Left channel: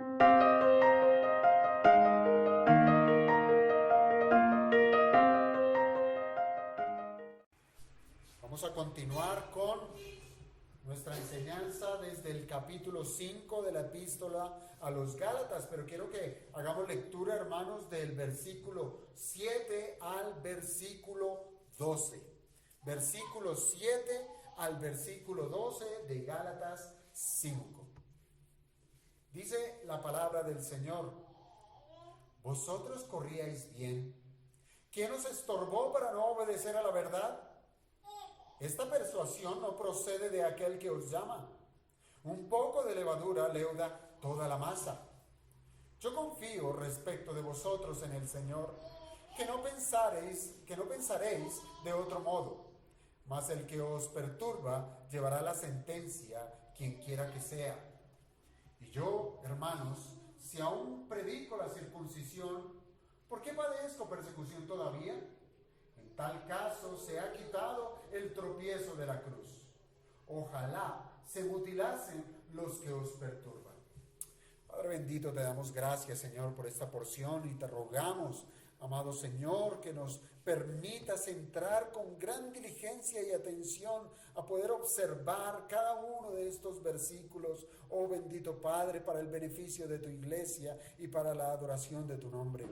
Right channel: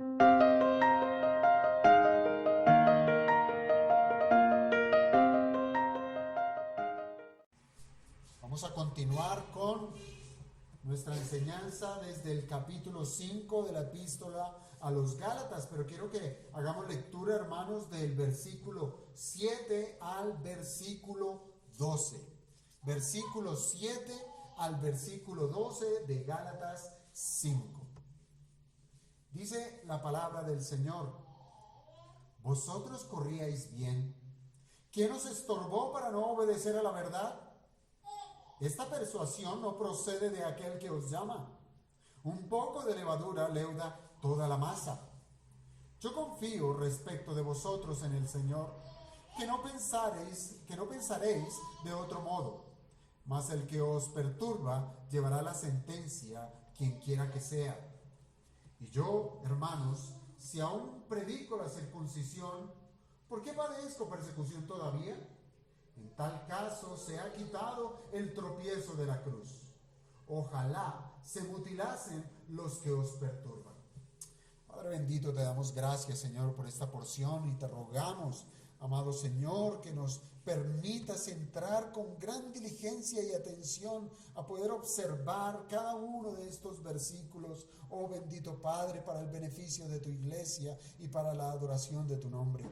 Vamos a continuar con nuestra enseñanza desde el capítulo 5 de la epístola a los Gálatas, pero quiero que hagamos lectura, hermanos, del versículo 7 al versículo 12. Versículo 7 al versículo 12 de Gálatas 5. Dice la palabra del Señor: vosotros corríais bien. ¿Quién os estorbó para no obedecer a la verdad? Esta persuasión no procede de aquel que os llama. Un poco de levadura leuda toda la masa. Yo confío respecto de vosotros en el Señor, que no pensaréis de otro modo. Mas el que os perturba llevará la sentencia, quien quiera que sea. Y yo, hermanos, si aún predico la circuncisión, ¿por qué padezco persecución todavía? En tal caso se ha quitado el tropiezo de la cruz. Ojalá se mutilasen los que os perturban. Padre bendito, te damos gracias, Señor, por esta porción y te rogamos, amado Señor, que nos permitas entrar con gran diligencia y atención a poder observar cada uno de estos versículos, oh bendito Padre, para el beneficio de tu iglesia y para la adoración de tu nombre.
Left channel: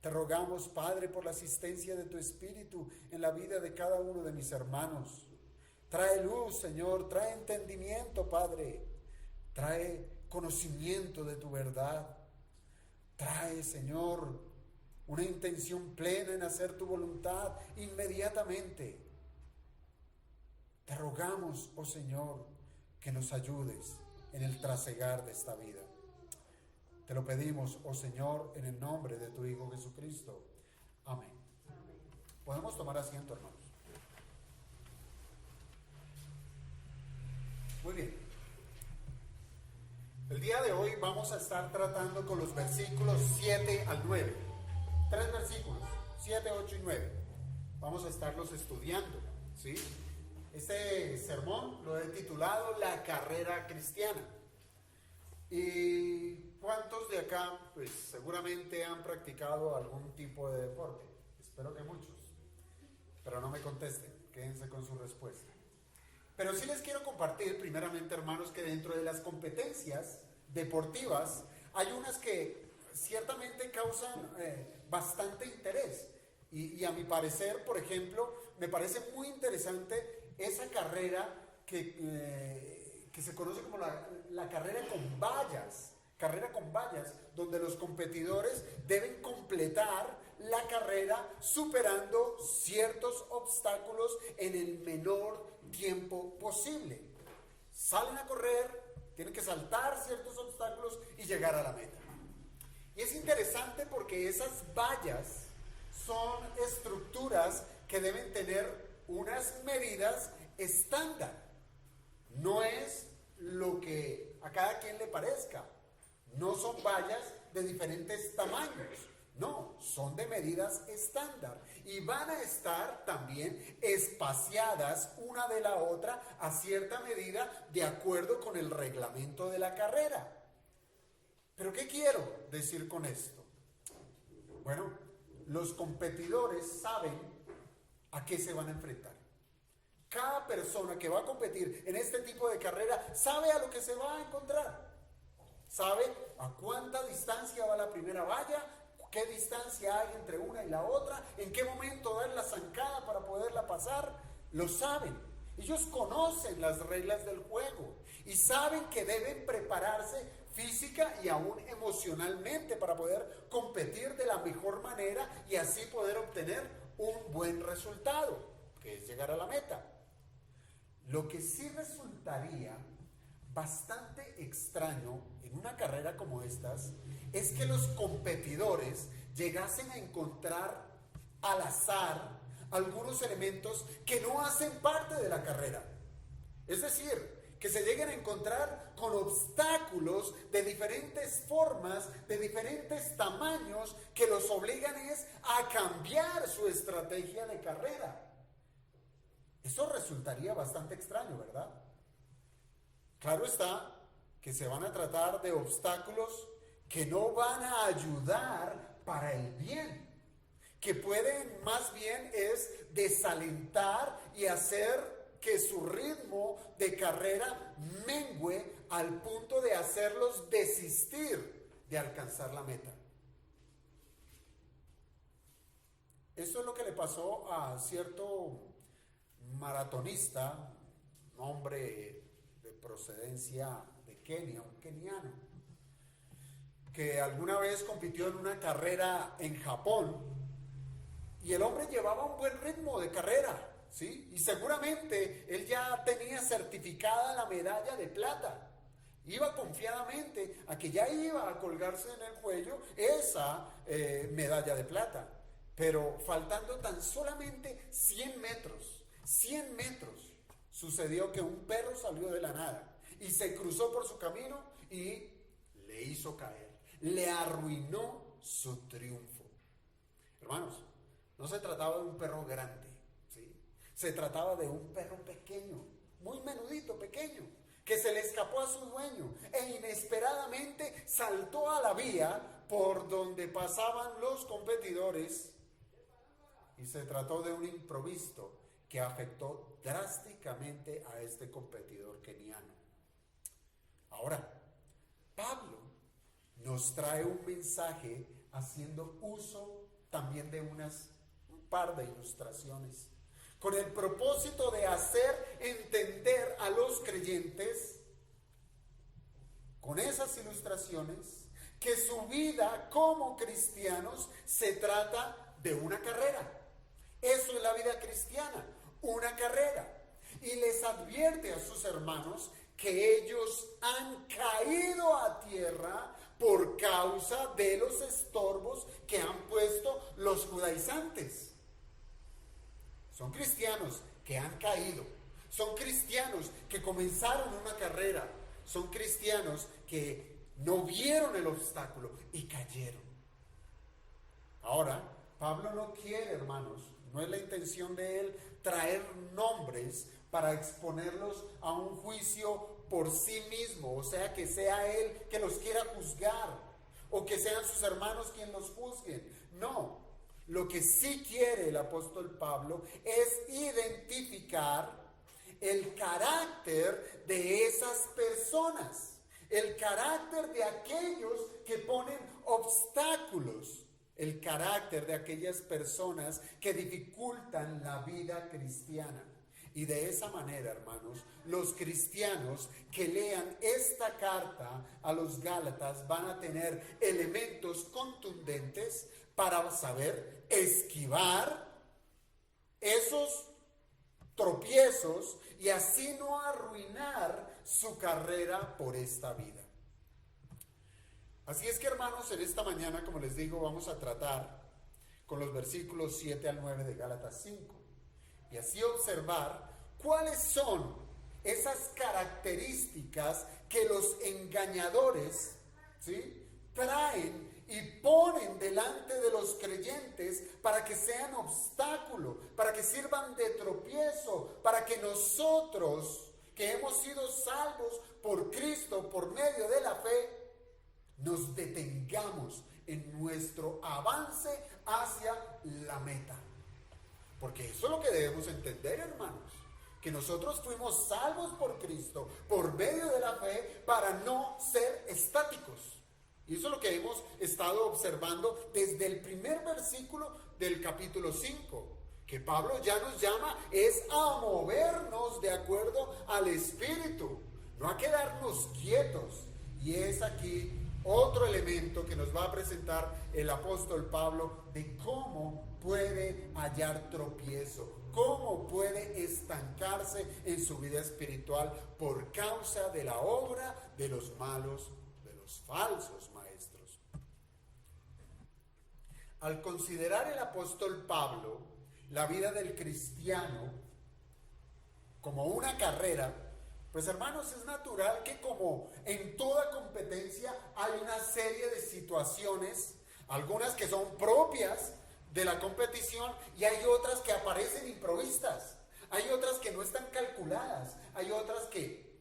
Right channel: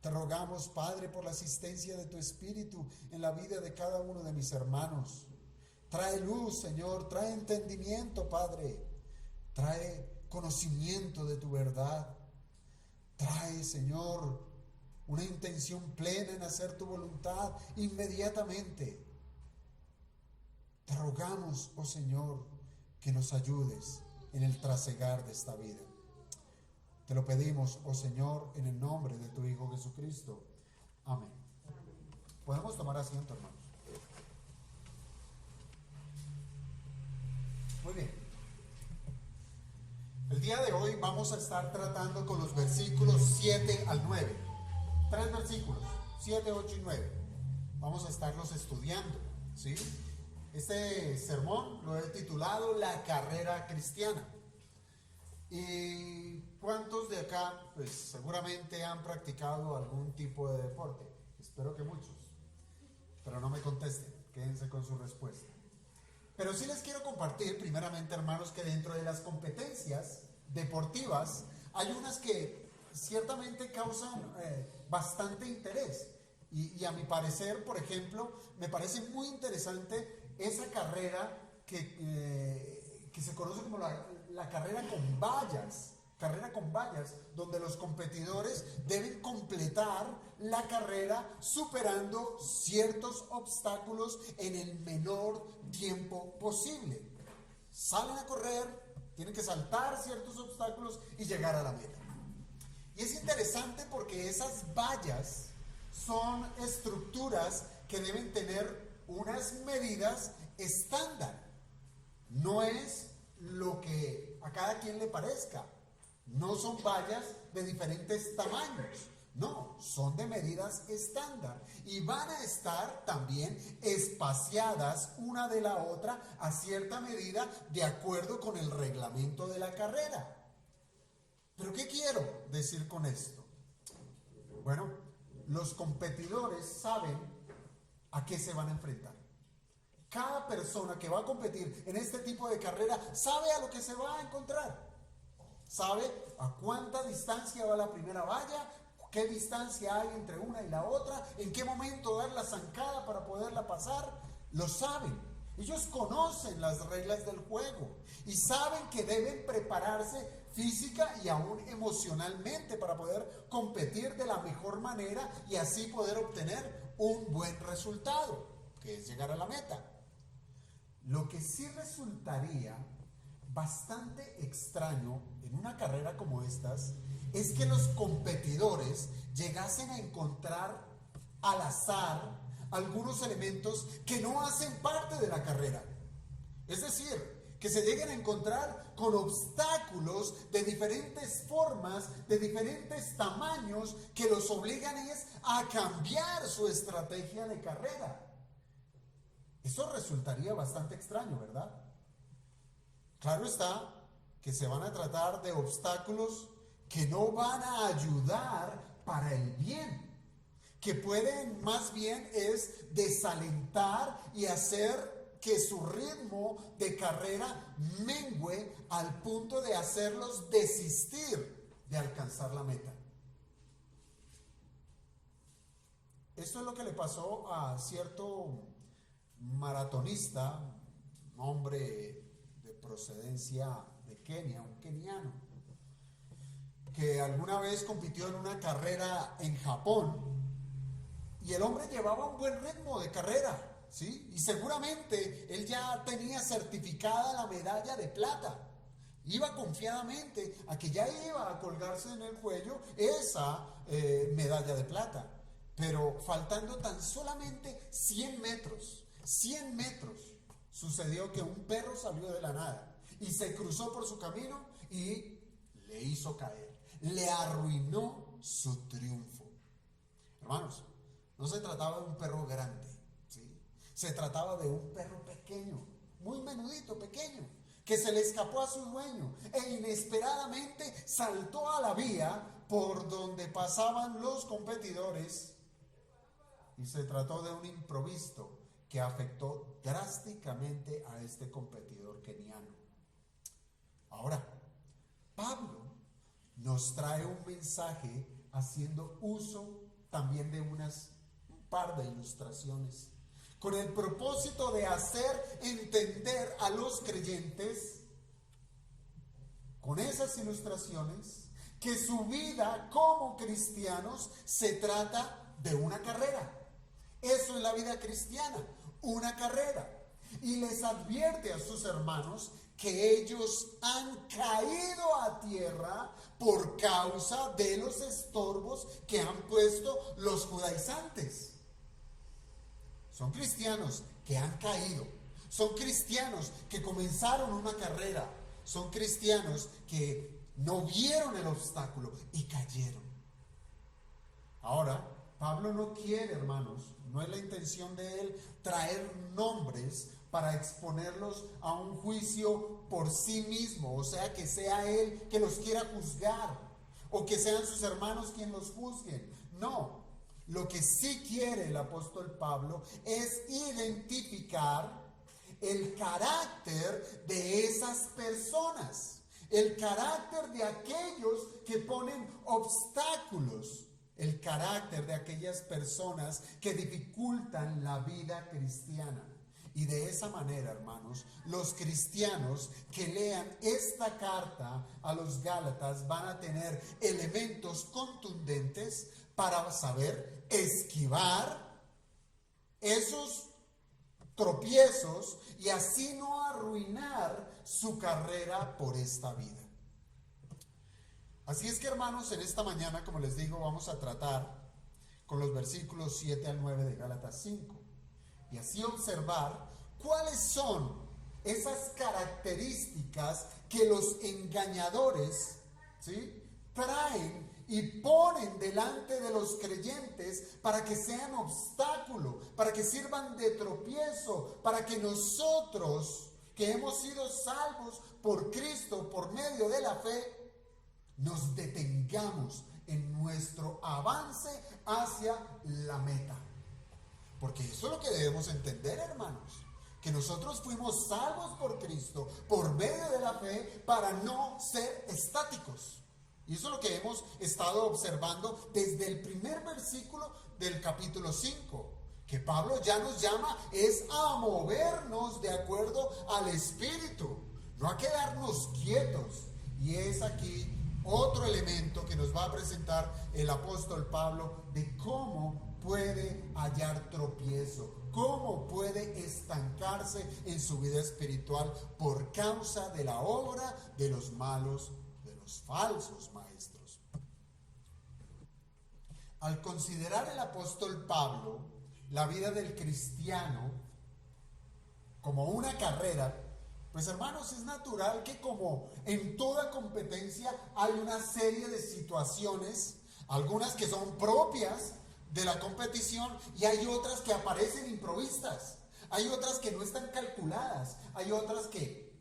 Te rogamos, Padre, por la asistencia de tu Espíritu en la vida de cada uno de mis hermanos. Trae luz, Señor, trae entendimiento, Padre. Trae conocimiento de tu verdad. Trae, Señor, una intención plena en hacer tu voluntad inmediatamente. Te rogamos, oh Señor, que nos ayudes en el trasegar de esta vida. Te lo pedimos, oh Señor, en el nombre de tu Hijo Jesucristo. Amén. Podemos tomar asiento, hermanos. Muy bien. El día de hoy vamos a estar tratando con los versículos 7 al 9. 3 versículos, 7, 8 y 9. Vamos a estarlos estudiando, ¿sí? Este sermón lo he titulado La carrera cristiana. ¿Y cuántos de acá, pues seguramente han practicado algún tipo de deporte? Espero que muchos, pero no me contesten, quédense con su respuesta. Pero sí les quiero compartir, primeramente, hermanos, que dentro de las competencias deportivas hay unas que ciertamente causan bastante interés. Y a mi parecer, por ejemplo, me parece muy interesante esa carrera que se conoce como la carrera con vallas, donde los competidores deben completar la carrera superando ciertos obstáculos en el menor tiempo posible. Salen a correr, tienen que saltar ciertos obstáculos y llegar a la meta. Y es interesante porque esas vallas son estructuras que deben tener unas medidas estándar. No es lo que a cada quien le parezca. No son vallas de diferentes tamaños. No, son de medidas estándar. Y van a estar también espaciadas una de la otra a cierta medida de acuerdo con el reglamento de la carrera. ¿Pero qué quiero decir con esto? Bueno, los competidores saben a qué se van a enfrentar. Cada persona que va a competir en este tipo de carrera sabe a lo que se va a encontrar. Sabe a cuánta distancia va la primera valla, qué distancia hay entre una y la otra, en qué momento dar la zancada para poderla pasar. Lo saben. Ellos conocen las reglas del juego y saben que deben prepararse física y aún emocionalmente para poder competir de la mejor manera y así poder obtener un buen resultado, que es llegar a la meta. Lo que sí resultaría bastante extraño en una carrera como estas es que los competidores llegasen a encontrar al azar algunos elementos que no hacen parte de la carrera. Es decir, que se lleguen a encontrar con obstáculos de diferentes formas, de diferentes tamaños, que los obligan a cambiar su estrategia de carrera. Eso resultaría bastante extraño, ¿verdad? Claro está que se van a tratar de obstáculos que no van a ayudar para el bien, que pueden más bien es desalentar y hacer que su ritmo de carrera mengüe al punto de hacerlos desistir de alcanzar la meta. Esto es lo que le pasó a cierto maratonista, un hombre de procedencia de Kenia, un keniano, que alguna vez compitió en una carrera en Japón, y el hombre llevaba un buen ritmo de carrera, ¿sí? Y seguramente él ya tenía certificada la medalla de plata. Iba confiadamente a que ya iba a colgarse en el cuello esa medalla de plata. Pero faltando tan solamente 100 metros, sucedió que un perro salió de la nada y se cruzó por su camino y le hizo caer, le arruinó su triunfo. Hermanos, no se trataba de un perro grande, ¿sí? Se trataba de un perro pequeño, muy menudito, pequeño, que se le escapó a su dueño e inesperadamente saltó a la vía por donde pasaban los competidores. Y se trató de un imprevisto que afectó drásticamente a este competidor keniano. Ahora, Pablo nos trae un mensaje haciendo uso también de un par de ilustraciones, con el propósito de hacer entender a los creyentes, con esas ilustraciones, que su vida como cristianos se trata de una carrera. Eso es la vida cristiana, una carrera. Y les advierte a sus hermanos que ellos han caído a tierra por causa de los estorbos que han puesto los judaizantes. Son cristianos que han caído, son cristianos que comenzaron una carrera, son cristianos que no vieron el obstáculo y cayeron. Ahora, Pablo no quiere, hermanos, no es la intención de él traer nombres para exponerlos a un juicio por sí mismo, o sea, que sea él que los quiera juzgar, o que sean sus hermanos quienes los juzguen. No, lo que sí quiere el apóstol Pablo es identificar el carácter de esas personas, el carácter de aquellos que ponen obstáculos, el carácter de aquellas personas que dificultan la vida cristiana. Y de esa manera, hermanos, los cristianos que lean esta carta a los Gálatas van a tener elementos contundentes para saber esquivar esos tropiezos y así no arruinar su carrera por esta vida. Así es que, hermanos, en esta mañana, como les digo, vamos a tratar con los versículos 7 al 9 de Gálatas 5 y así observar cuáles son esas características que los engañadores, ¿sí?, traen y ponen delante de los creyentes para que sean obstáculo, para que sirvan de tropiezo, para que nosotros que hemos sido salvos por Cristo por medio de la fe, nos detengamos en nuestro avance hacia la meta. Porque eso es lo que debemos entender, hermanos, que nosotros fuimos salvos por Cristo por medio de la fe para no ser estáticos. Y eso es lo que hemos estado observando desde el primer versículo del capítulo 5, que Pablo ya nos llama es a movernos de acuerdo al Espíritu, no a quedarnos quietos. Y es aquí otro elemento que nos va a presentar el apóstol Pablo de cómo puede hallar tropiezo, cómo puede estancarse en su vida espiritual por causa de la obra de los malos, de los falsos maestros. Al considerar el apóstol Pablo la vida del cristiano como una carrera, pues, hermanos, es natural que como en toda competencia hay una serie de situaciones, algunas que son propias de la competición y hay otras que aparecen improvistas, hay otras que no están calculadas, hay otras que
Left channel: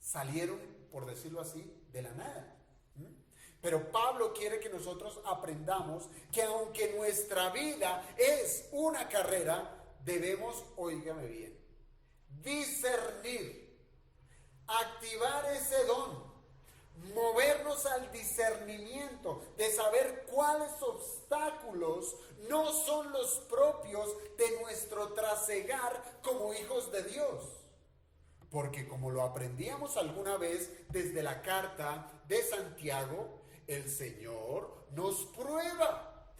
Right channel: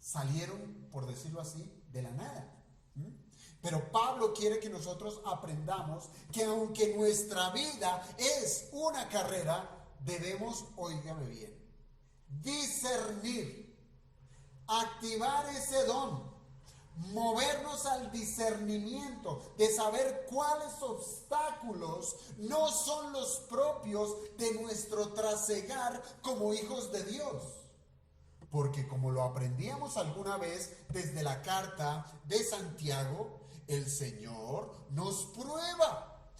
salieron por decirlo así, de la nada. Pero Pablo quiere que nosotros aprendamos que aunque nuestra vida es una carrera, debemos, óigame bien, discernir, activar ese don, movernos al discernimiento de saber cuáles obstáculos no son los propios de nuestro trasegar como hijos de Dios. Porque como lo aprendíamos alguna vez desde la carta de Santiago, el Señor nos prueba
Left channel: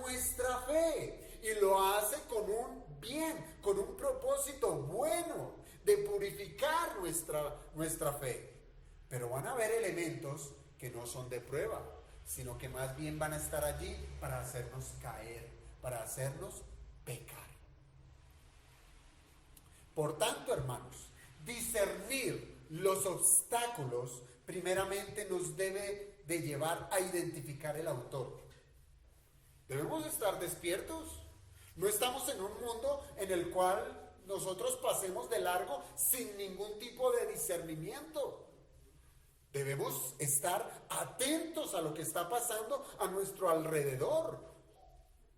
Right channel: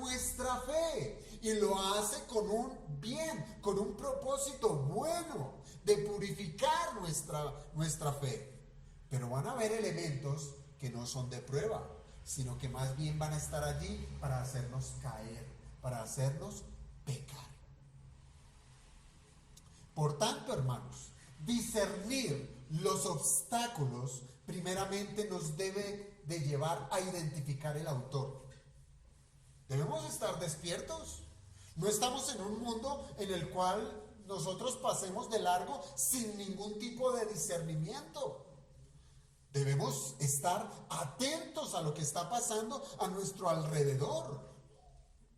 nuestra fe y lo hace con un bien, con un propósito bueno de purificar nuestra fe. Pero van a haber elementos que no son de prueba, sino que más bien van a estar allí para hacernos caer, para hacernos pecar. Por tanto, hermanos, discernir los obstáculos primeramente nos debe de llevar a identificar el autor. Debemos estar despiertos. No estamos en un mundo en el cual nosotros pasemos de largo sin ningún tipo de discernimiento. Debemos estar atentos a lo que está pasando a nuestro alrededor.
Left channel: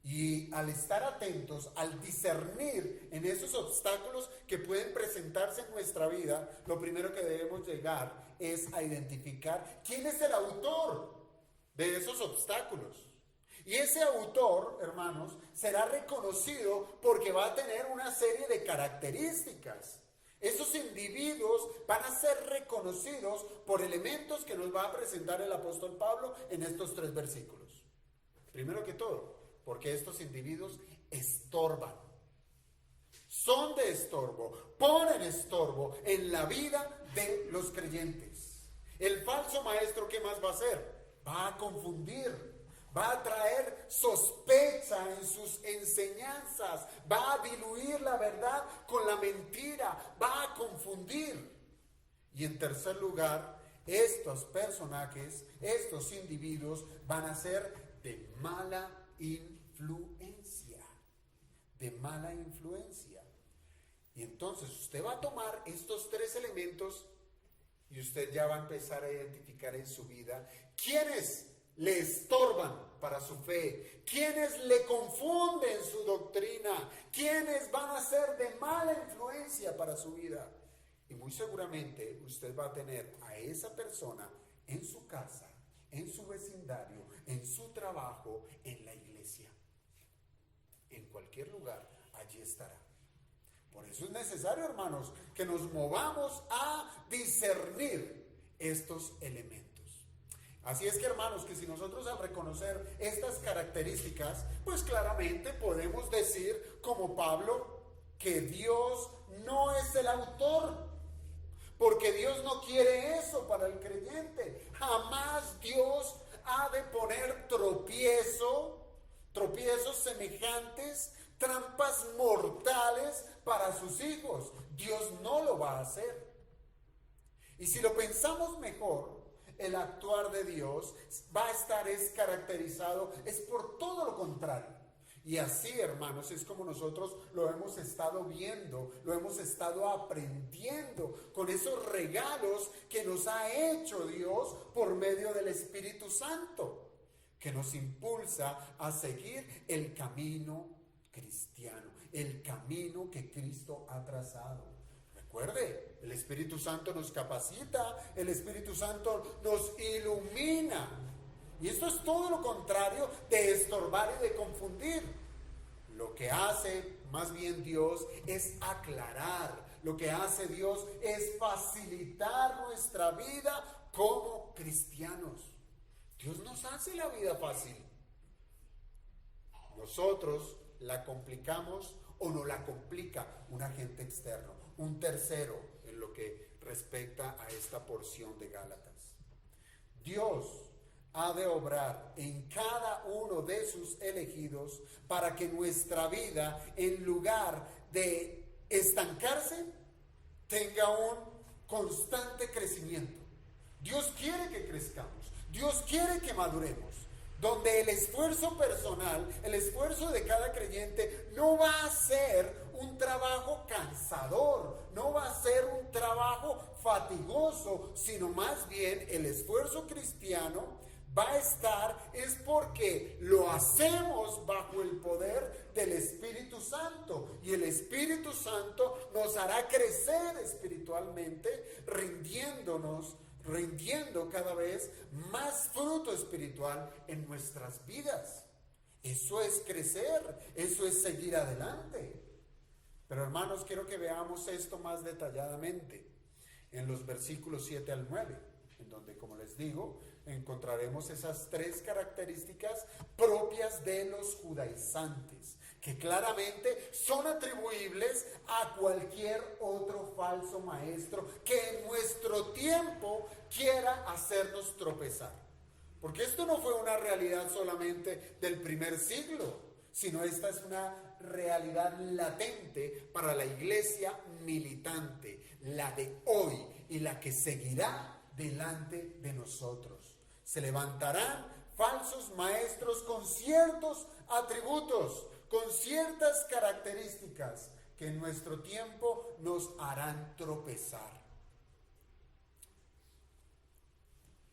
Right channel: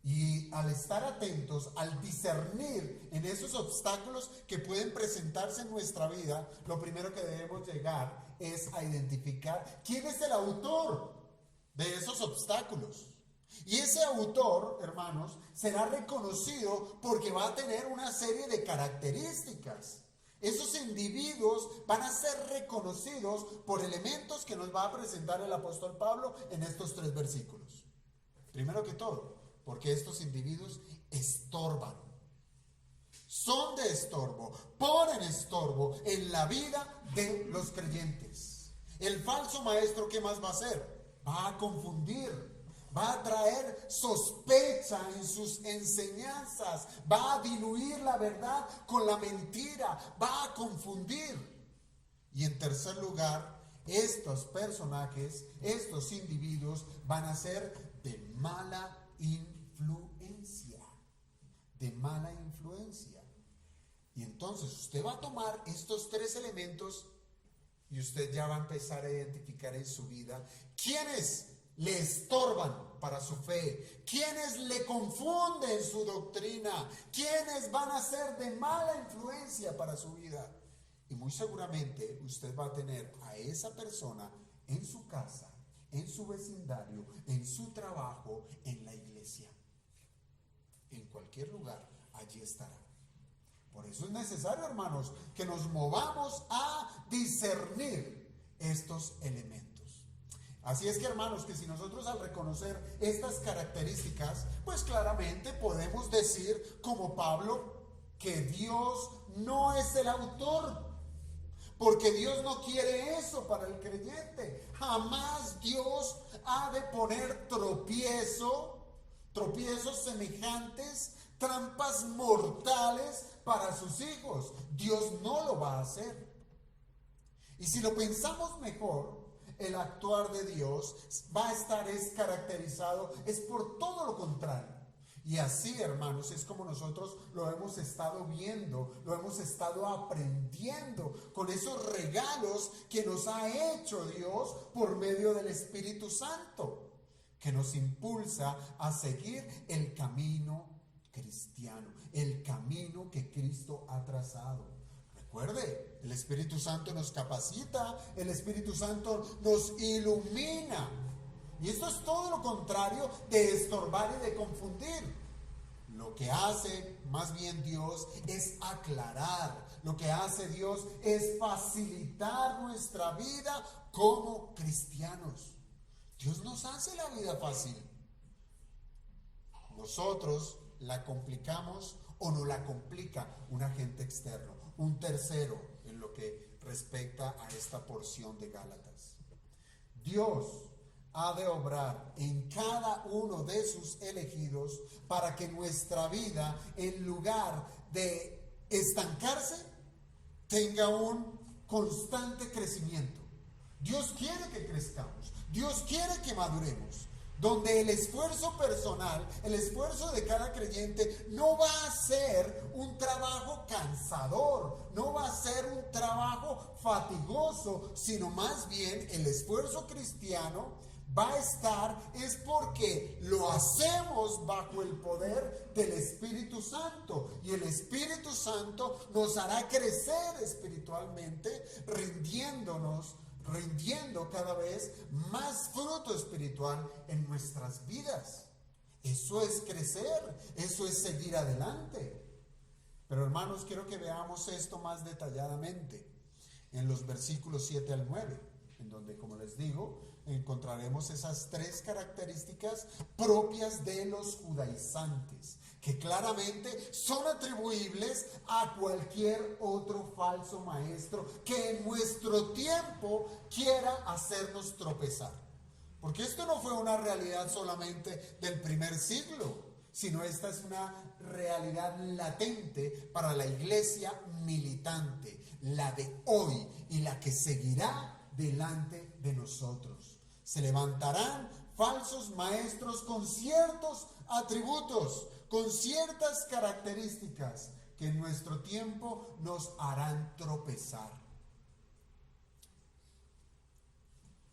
Y al estar atentos, al discernir en esos obstáculos que pueden presentarse en nuestra vida, lo primero que debemos llegar es a identificar quién es el autor de esos obstáculos. Y ese autor, hermanos, será reconocido porque va a tener una serie de características. Esos individuos van a ser reconocidos por elementos que nos va a presentar el apóstol Pablo en estos 3 versículos. Primero que todo, porque estos individuos estorban, son de estorbo, ponen estorbo en la vida de los creyentes. El falso maestro, ¿qué más va a hacer? Va a confundir, va a traer sospecha en sus enseñanzas, va a diluir la verdad con la mentira, va a confundir. Y en tercer lugar, estos personajes, estos individuos van a ser de mala influencia, de mala influencia. Y entonces usted va a tomar estos 3 elementos y usted ya va a empezar a identificar en su vida quiénes le estorban para su fe, quienes le confunden su doctrina, quienes van a ser de mala influencia para su vida. Y muy seguramente usted va a tener a esa persona en su casa, en su vecindario, en su trabajo, en la iglesia. En cualquier lugar, allí estará. Por eso es necesario, hermanos, que nos movamos a discernir estos elementos. Así es que, hermanos, que si nosotros al reconocer estas características, pues claramente podemos decir, como Pablo, que Dios no es el autor, porque Dios no quiere eso para el creyente. Jamás Dios ha de poner tropiezos semejantes, trampas mortales para sus hijos. Dios no lo va a hacer. Y si lo pensamos mejor, el actuar de Dios va a estar caracterizado por todo lo contrario. Y así, hermanos, es como nosotros lo hemos estado viendo, lo hemos estado aprendiendo con esos regalos que nos ha hecho Dios por medio del Espíritu Santo, que nos impulsa a seguir el camino cristiano, el camino que Cristo ha trazado. Recuerde, el Espíritu Santo nos capacita, el Espíritu Santo nos ilumina. Y esto es todo lo contrario de estorbar y de confundir. Lo que hace más bien Dios es aclarar. Lo que hace Dios es facilitar nuestra vida como cristianos. Dios nos hace la vida fácil. Nosotros la complicamos o no la complica un agente externo, un tercero en lo que respecta a esta porción de Gálatas. Dios ha de obrar en cada uno de sus elegidos para que nuestra vida, en lugar de estancarse, tenga un constante crecimiento. Dios quiere que crezcamos, Dios quiere que maduremos, donde el esfuerzo personal, el esfuerzo de cada creyente no va a ser un trabajo cansador, no va a ser un trabajo fatigoso, sino más bien el esfuerzo cristiano va a estar es porque lo hacemos bajo el poder del Espíritu Santo, y el Espíritu Santo nos hará crecer espiritualmente, rindiendo cada vez más fruto espiritual en nuestras vidas. Eso es crecer, eso es seguir adelante. Pero hermanos, quiero que veamos esto más detalladamente en los versículos 7 al 9, en donde, como les digo, encontraremos esas tres características propias de los judaizantes, que claramente son atribuibles a cualquier otro falso maestro que en nuestro tiempo quiera hacernos tropezar. Porque esto no fue una realidad solamente del primer siglo, sino esta es una realidad latente para la iglesia militante, la de hoy y la que seguirá delante de nosotros. Se levantarán falsos maestros con ciertos atributos, con ciertas características que en nuestro tiempo nos harán tropezar.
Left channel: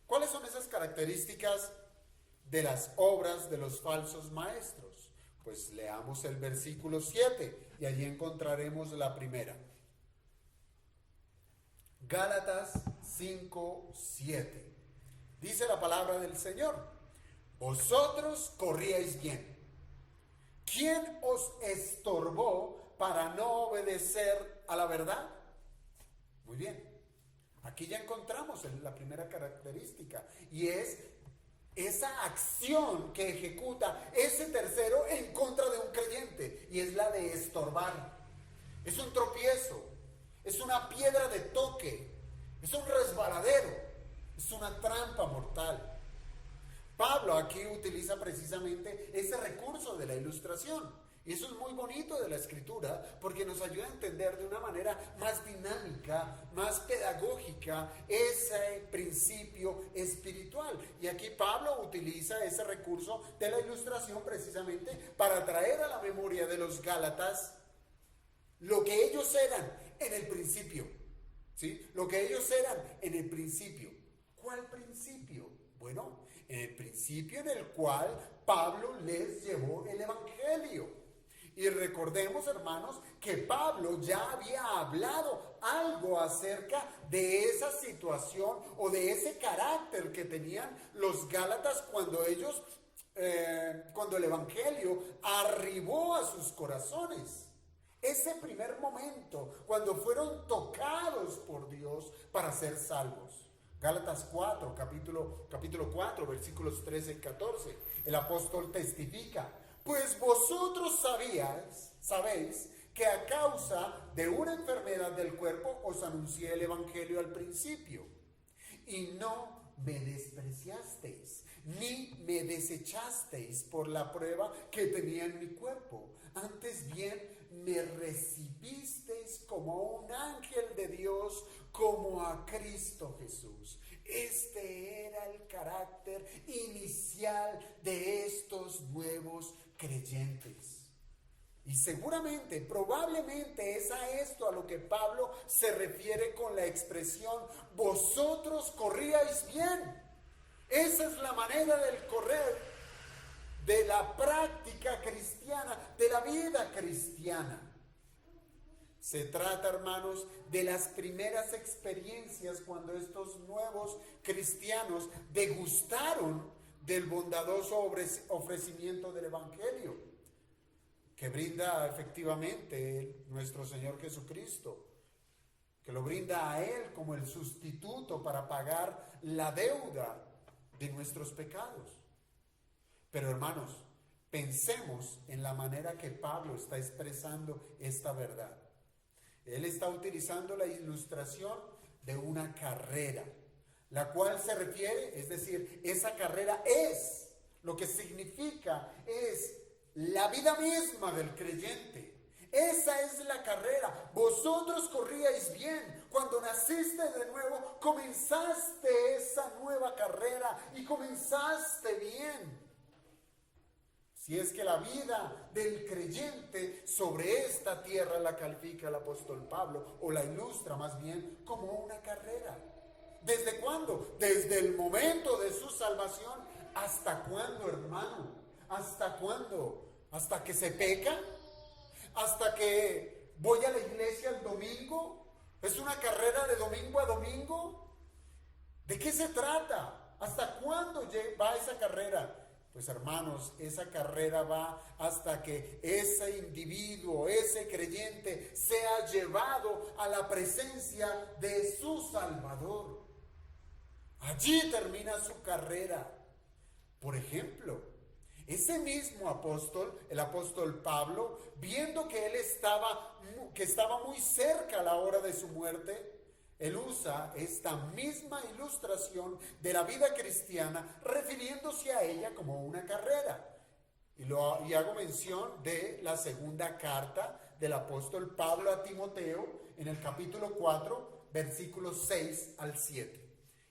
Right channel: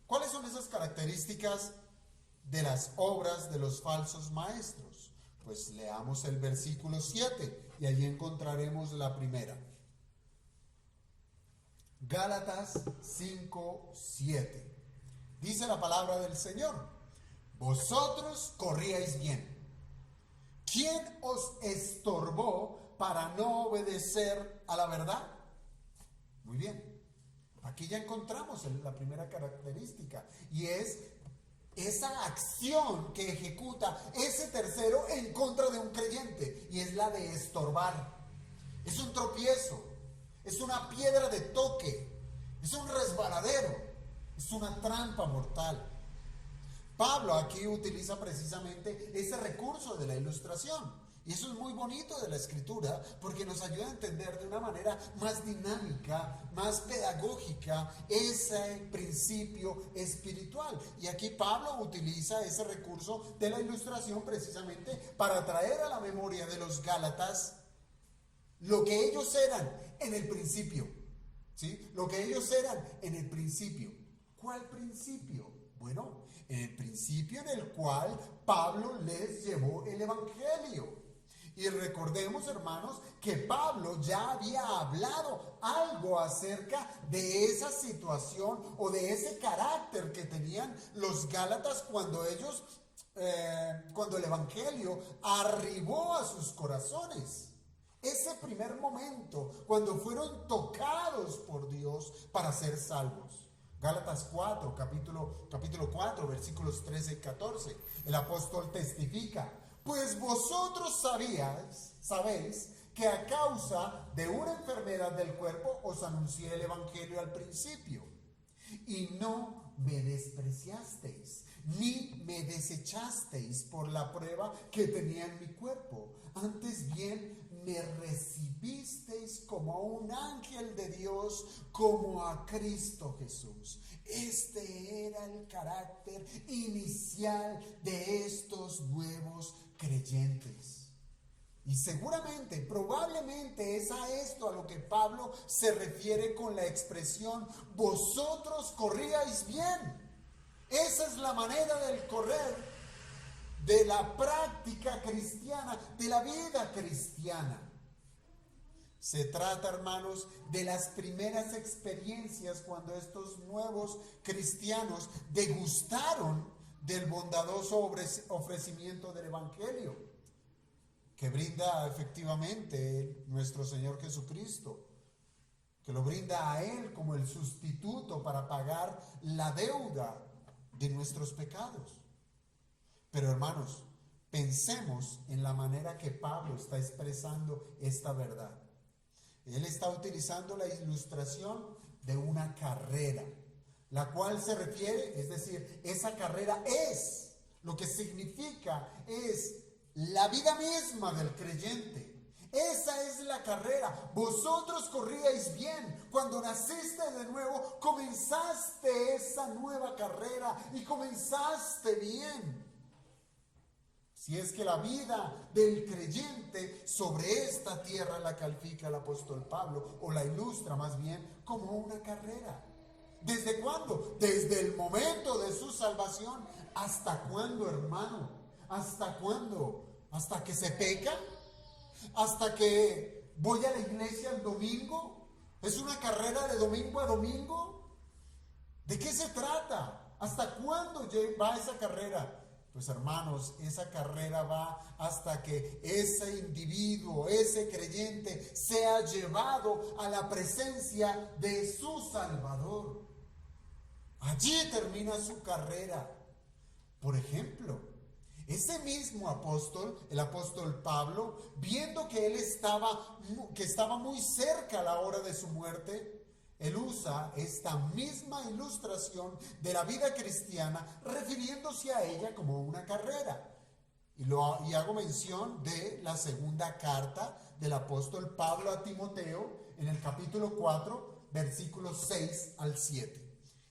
¿Cuáles son esas características de las obras de los falsos maestros? Pues leamos el versículo 7 y allí encontraremos la primera. Gálatas 5:7. Dice la palabra del Señor: vosotros corríais bien. ¿Quién os estorbó para no obedecer a la verdad? Muy bien. Aquí ya encontramos la primera característica, y es esa acción que ejecuta ese tercero en contra de un creyente, y es la de estorbar. Es un tropiezo, es una piedra de toque, es un resbaladero, es una trampa mortal. Pablo aquí utiliza precisamente ese recurso de la ilustración. Y eso es muy bonito de la Escritura, porque nos ayuda a entender de una manera más dinámica, más pedagógica, ese principio espiritual. Y aquí Pablo utiliza ese recurso de la ilustración precisamente para traer a la memoria de los Gálatas lo que ellos eran en el principio. ¿Sí? Lo que ellos eran en el principio. ¿Cuál principio? Bueno, en el principio en el cual Pablo les llevó el Evangelio. Y recordemos, hermanos, que Pablo ya había hablado algo acerca de esa situación o de ese carácter que tenían los Gálatas cuando el Evangelio arribó a sus corazones. Ese primer momento, cuando fueron tocados por Dios para ser salvos. Gálatas 4, capítulo 4, versículos 13 y 14. El apóstol testifica: pues vosotros sabéis que a causa de una enfermedad del cuerpo os anuncié el Evangelio al principio, y no me despreciasteis, ni me desechasteis por la prueba que tenía en mi cuerpo. Antes bien, me recibisteis como a un ángel de Dios, como a Cristo Jesús. Este era el carácter inicial de estos nuevos creyentes. Y seguramente, probablemente es a esto a lo que Pablo se refiere con la expresión: vosotros corríais bien. Esa es la manera del correr, de la práctica cristiana, de la vida cristiana. Se trata, hermanos, de las primeras experiencias cuando estos nuevos cristianos degustaron del bondadoso ofrecimiento del Evangelio que brinda efectivamente nuestro Señor Jesucristo, que lo brinda a Él como el sustituto para pagar la deuda de nuestros pecados. Pero, hermanos, pensemos en la manera que Pablo está expresando esta verdad. Él está utilizando la ilustración de una carrera, la cual se refiere, es decir, esa carrera es, lo que significa es la vida misma del creyente. Esa es la carrera. Vosotros corríais bien. Cuando naciste de nuevo, comenzaste esa nueva carrera y comenzaste bien. Si es que la vida del creyente sobre esta tierra la califica el apóstol Pablo, o la ilustra más bien como una carrera. ¿Desde cuándo? Desde el momento de su salvación. ¿Hasta cuándo, hermano? ¿Hasta cuándo? ¿Hasta que se peca? ¿Hasta que voy a la iglesia el domingo? ¿Es una carrera de domingo a domingo? ¿De qué se trata? ¿Hasta cuándo va esa carrera? Pues hermanos, esa carrera va hasta que ese individuo, ese creyente, sea llevado a la presencia de su Salvador. Allí termina su carrera. Por ejemplo, ese mismo apóstol, el apóstol Pablo, viendo que él estaba muy cerca a la hora de su muerte, él usa esta misma ilustración de la vida cristiana, refiriéndose a ella como una carrera. Y hago mención de la segunda carta del apóstol Pablo a Timoteo, en el capítulo 4, versículos 6 al 7.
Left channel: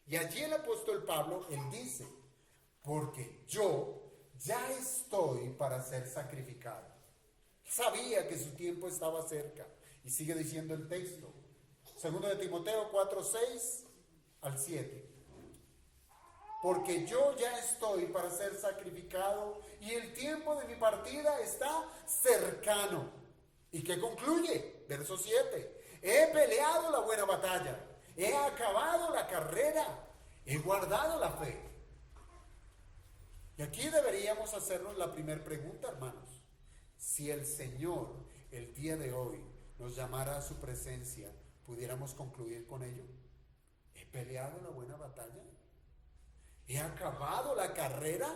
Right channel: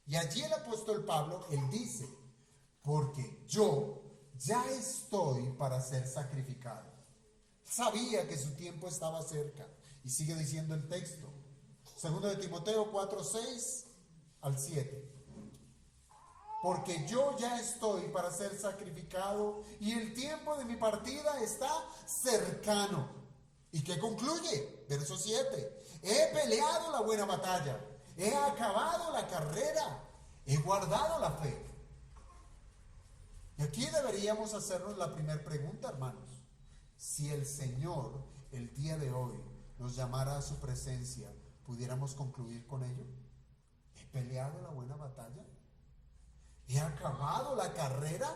Y allí el apóstol Pablo, él dice: porque yo ya estoy para ser sacrificado. Sabía que su tiempo estaba cerca. Y sigue diciendo el texto. Segundo de Timoteo 4, 6 al 7. Porque yo ya estoy para ser sacrificado y el tiempo de mi partida está cercano. ¿Y qué concluye? Verso 7. He peleado la buena batalla. He acabado la carrera. He guardado la fe. Y aquí deberíamos hacernos la primera pregunta, hermanos. Si el Señor el día de hoy nos llamara a su presencia, ¿pudiéramos concluir con ello? ¿He peleado la buena batalla? ¿He acabado la carrera?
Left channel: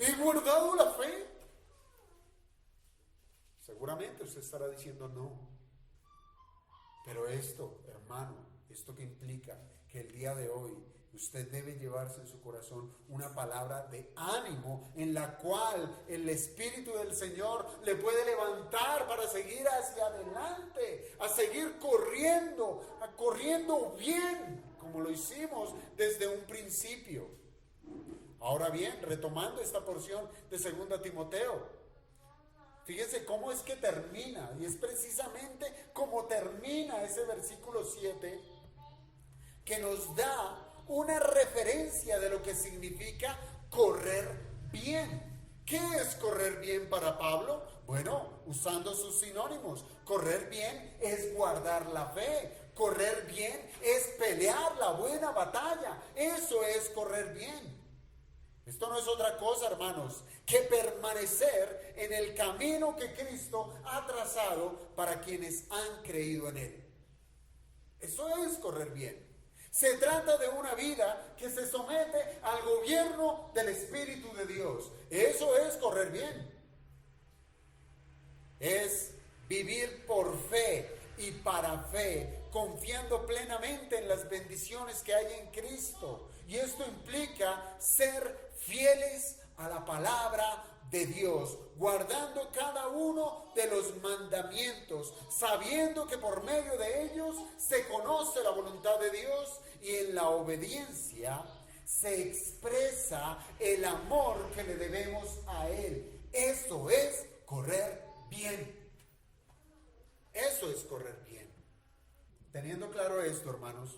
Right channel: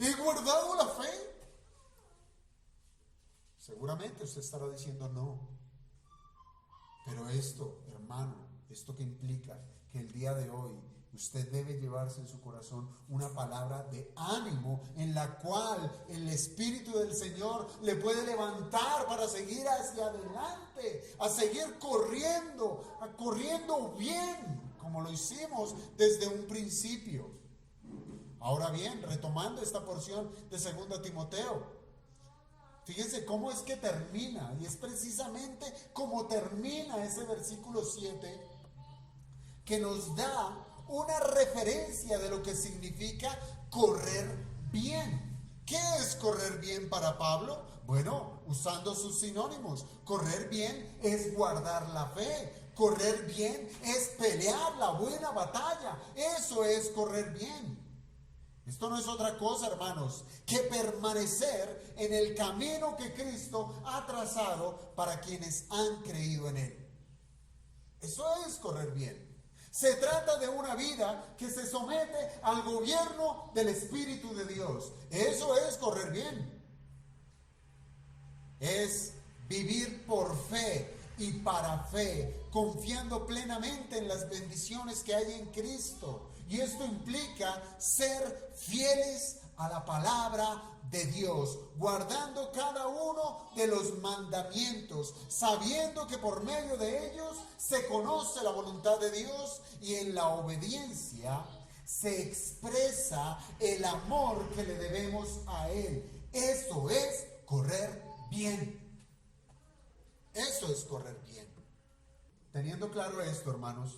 ¿He guardado la fe? Seguramente usted estará diciendo no. Pero esto, hermano, esto que implica que el día de hoy usted debe llevarse en su corazón una palabra de ánimo en la cual el Espíritu del Señor le puede levantar para seguir hacia adelante, a seguir corriendo bien, como lo hicimos desde un principio. Ahora bien, retomando esta porción de 2 Timoteo, fíjense cómo es que termina, y es precisamente como termina ese versículo 7, que nos da una referencia de lo que significa correr bien. ¿Qué es correr bien para Pablo? Bueno, usando sus sinónimos, correr bien es guardar la fe, correr bien es pelear la buena batalla, eso es correr bien. Esto no es otra cosa, hermanos, que permanecer en el camino que Cristo ha trazado para quienes han creído en Él. Eso es correr bien. Se trata de una vida que se somete al gobierno del Espíritu de Dios. Eso es correr bien. Es vivir por fe y para fe, confiando plenamente en las bendiciones que hay en Cristo. Y esto implica ser fieles a la palabra de Dios, guardando cada uno de los mandamientos, sabiendo que por medio de ellos se conoce la voluntad de Dios, y en la obediencia se expresa el amor que le debemos a Él. Eso es correr bien. Eso es correr bien. Teniendo claro esto, hermanos,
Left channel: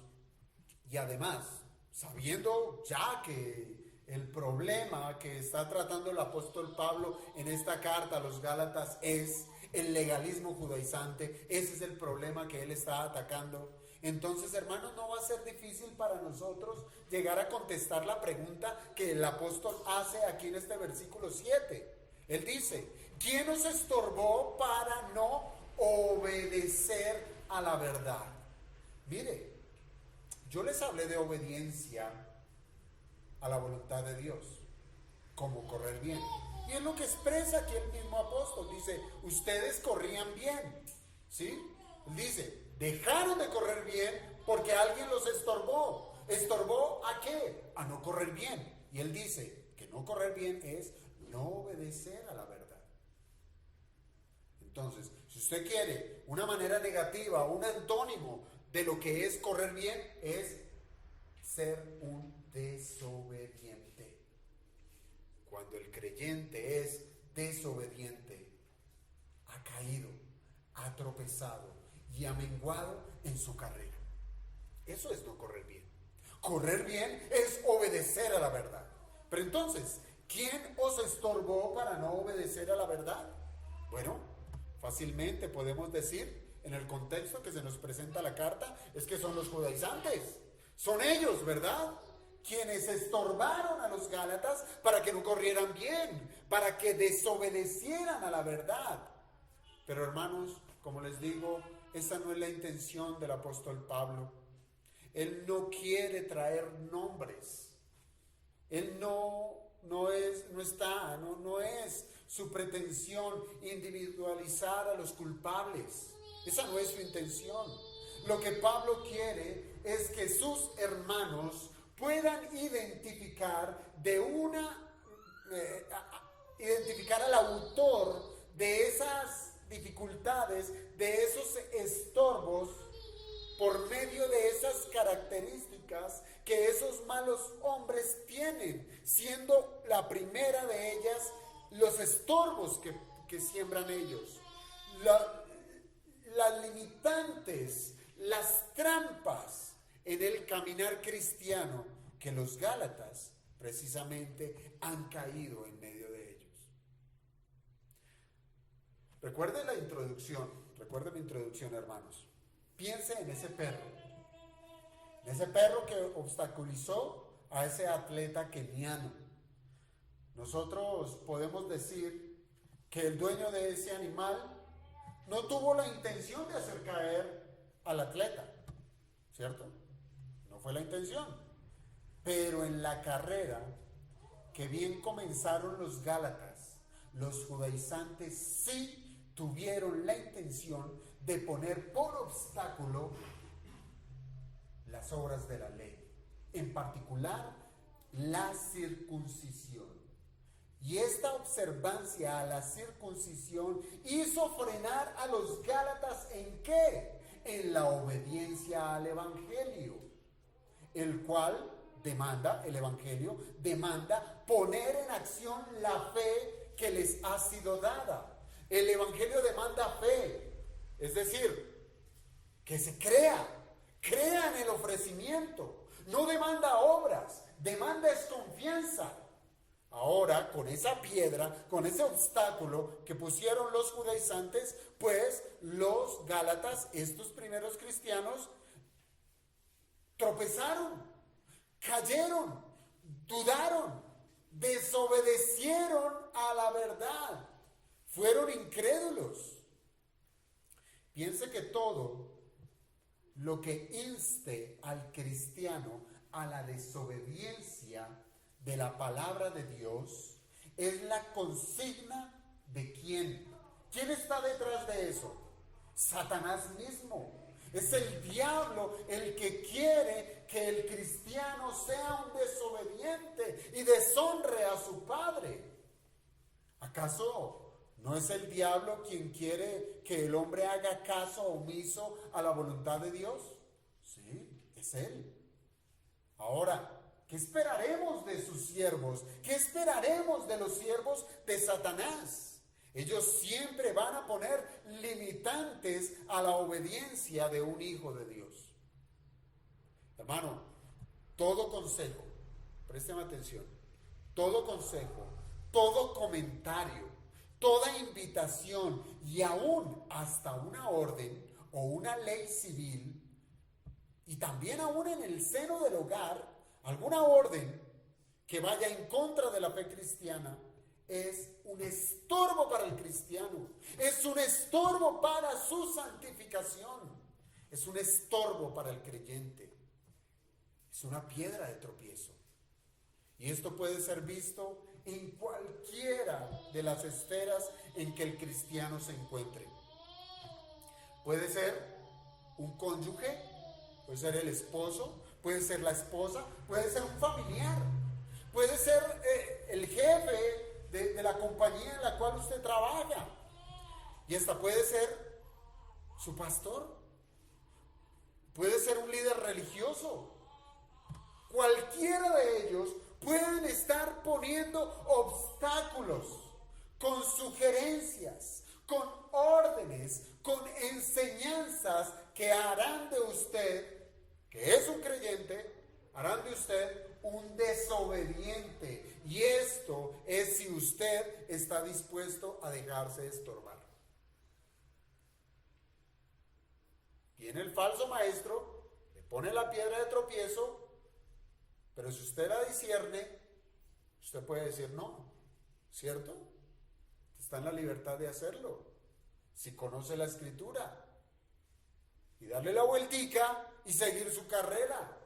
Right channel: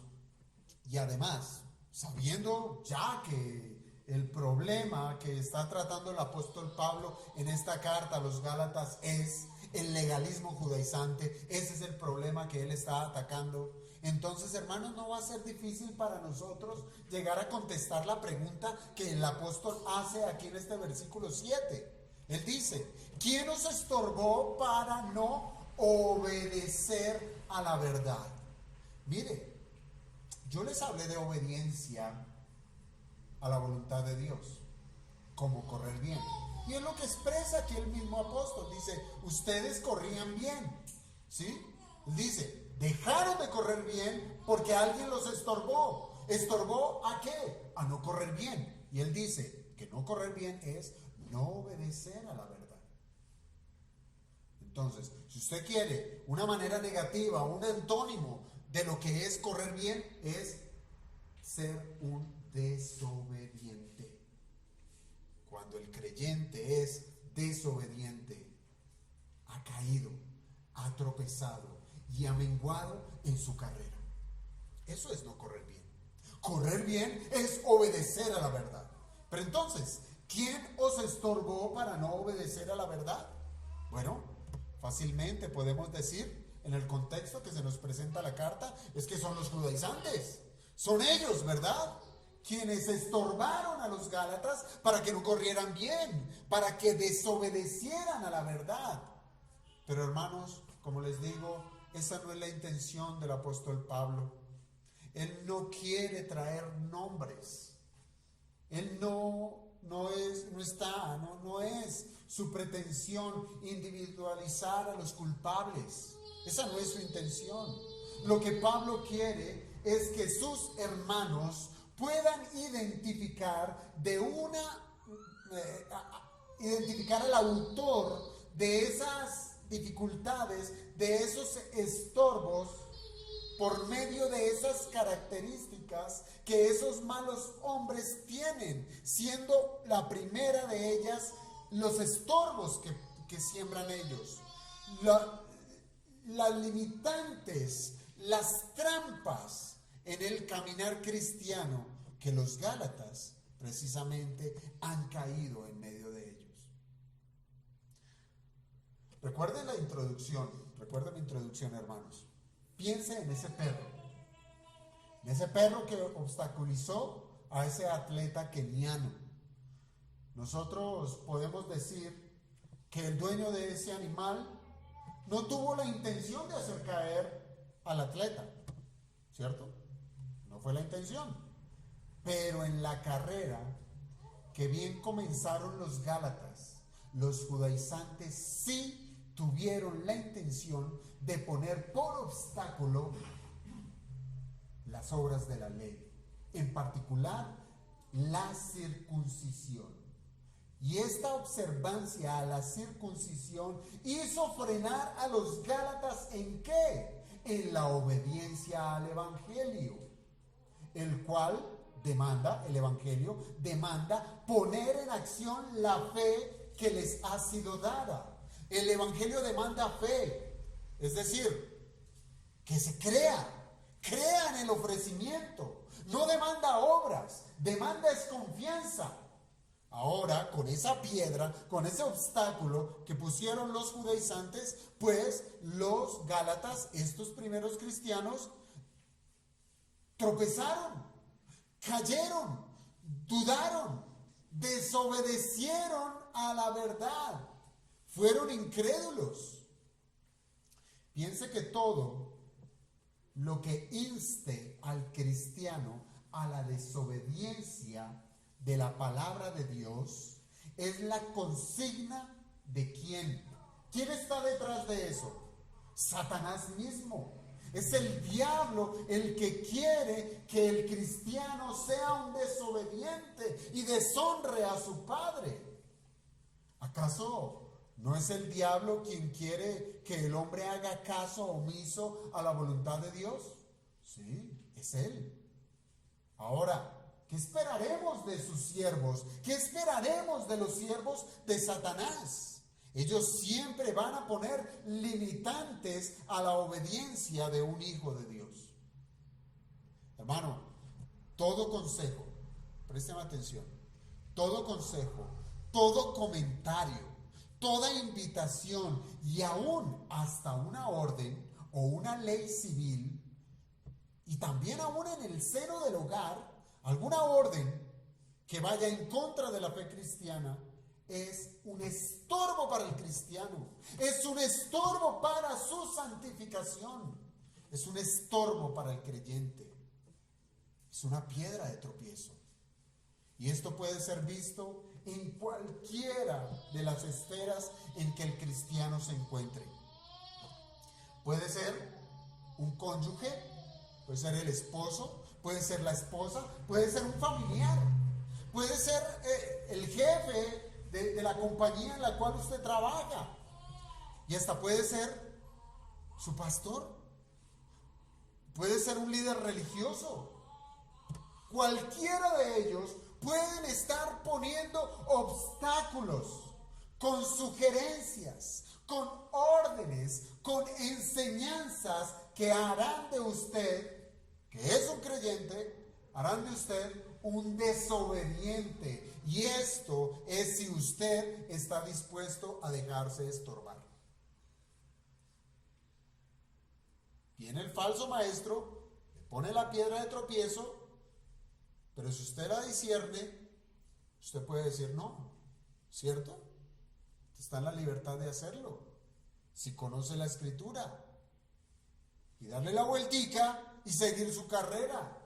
y además sabiendo ya que el problema que está tratando el apóstol Pablo en esta carta a los Gálatas es el legalismo judaizante, ese es el problema que él está atacando. Entonces, hermanos, no va a ser difícil para nosotros llegar a contestar la pregunta que el apóstol hace aquí en este versículo 7. Él dice: ¿quién os estorbó para no obedecer a la verdad? Mire, yo les hablé de obediencia a la voluntad de Dios, como correr bien. Y es lo que expresa aquí el mismo apóstol. Dice: ustedes corrían bien, ¿sí? Dice: dejaron de correr bien porque alguien los estorbó. ¿Estorbó a qué? A no correr bien. Y él dice que no correr bien es no obedecer a la verdad. Entonces, si usted quiere una manera negativa, un antónimo de lo que es correr bien, es ser un desobediente. Cuando el creyente es desobediente ha caído, ha tropezado y ha menguado en su carrera. Eso es no correr bien. Correr bien es obedecer a la verdad. Pero entonces, ¿quién os estorbó para no obedecer a la verdad? Bueno, fácilmente podemos decir, en el contexto que se nos presenta la carta, es que son los judaizantes. Son ellos, ¿verdad?, quienes estorbaron a los gálatas para que no corrieran bien, para que desobedecieran a la verdad. Pero hermanos, como les digo, esa no es la intención del apóstol Pablo. Él no quiere traer nombres. Él no es su pretensión individualizar a los culpables. Esa no es su intención. Lo que Pablo quiere es que sus hermanos puedan identificar identificar al autor de esas dificultades, de esos estorbos, por medio de esas características que esos malos hombres tienen, siendo la primera de ellas los estorbos que siembran ellos, las limitantes, las trampas en el caminar cristiano que los gálatas precisamente han caído en medio de ellos. Recuerde mi introducción, hermanos. Piense en ese perro que obstaculizó a ese atleta keniano. Nosotros podemos decir que el dueño de ese animal no tuvo la intención de hacer caer al atleta, ¿cierto? No fue la intención. Pero en la carrera, que bien comenzaron los gálatas, los judaizantes sí tuvieron la intención de poner por obstáculo las obras de la ley, en particular la circuncisión. Y esta observancia a la circuncisión hizo frenar a los gálatas ¿en qué? En la obediencia al evangelio, el evangelio demanda poner en acción la fe que les ha sido dada. El evangelio demanda fe, es decir, que se crea en el ofrecimiento. No demanda obras, demanda es confianza. Ahora, con esa piedra, con ese obstáculo que pusieron los judaizantes, pues los gálatas, estos primeros cristianos, tropezaron, cayeron, dudaron, desobedecieron a la verdad, fueron incrédulos. Piense que todo lo que inste al cristiano a la desobediencia de la palabra de Dios es la consigna de ¿quién? ¿Quién está detrás de eso? Satanás mismo. Es el diablo el que quiere que el cristiano sea un desobediente y deshonre a su padre. ¿Acaso no es el diablo quien quiere que el hombre haga caso omiso a la voluntad de Dios? Sí, es él. Ahora, ¿qué esperaremos de sus siervos? ¿Qué esperaremos de los siervos de Satanás? Ellos siempre van a poner limitantes a la obediencia de un hijo de Dios. Hermano, todo consejo, presten atención, todo consejo, todo comentario, toda invitación y aún hasta una orden o una ley civil, y también aún en el seno del hogar, alguna orden que vaya en contra de la fe cristiana, es un estorbo para el cristiano, es un estorbo para su santificación, es un estorbo para el creyente, es una piedra de tropiezo. Y esto puede ser visto en cualquiera de las esferas en que el cristiano se encuentre. Puede ser un cónyuge, puede ser el esposo, puede ser la esposa, puede ser un familiar, puede ser el jefe de la compañía en la cual usted trabaja, y hasta puede ser su pastor, puede ser un líder religioso. Cualquiera de ellos pueden estar poniendo obstáculos con sugerencias, con órdenes, con enseñanzas que harán de usted, que es un creyente, harán de usted un desobediente. Y esto es si usted está dispuesto a dejarse estorbar. Viene el falso maestro, le pone la piedra de tropiezo, pero si usted la discierne, usted puede decir no, ¿cierto? Está en la libertad de hacerlo, si conoce la escritura, y darle la vueltica y seguir su carrera.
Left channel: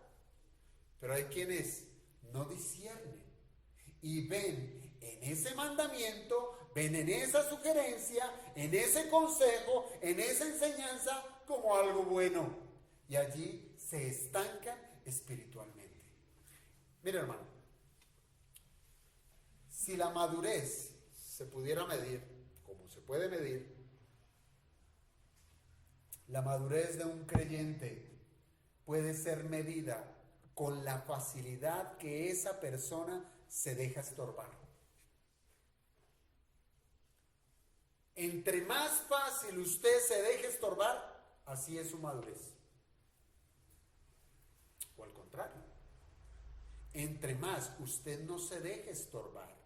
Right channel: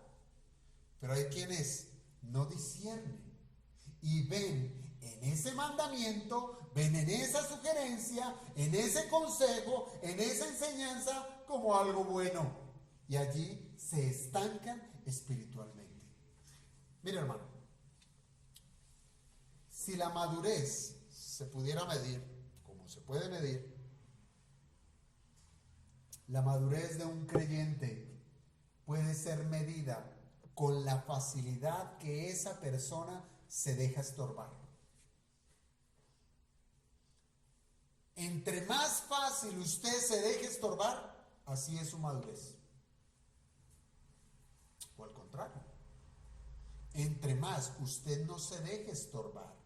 Pero hay quienes no disciernen y ven en ese mandamiento, ven en esa sugerencia, en ese consejo, en esa enseñanza como algo bueno, y allí se estancan espiritualmente. Mira, hermano, si la madurez se pudiera medir, como se puede medir, la madurez de un creyente puede ser medida con la facilidad que esa persona se deja estorbar. Entre más fácil usted se deje estorbar, así es su madurez. O al contrario, entre más usted no se deje estorbar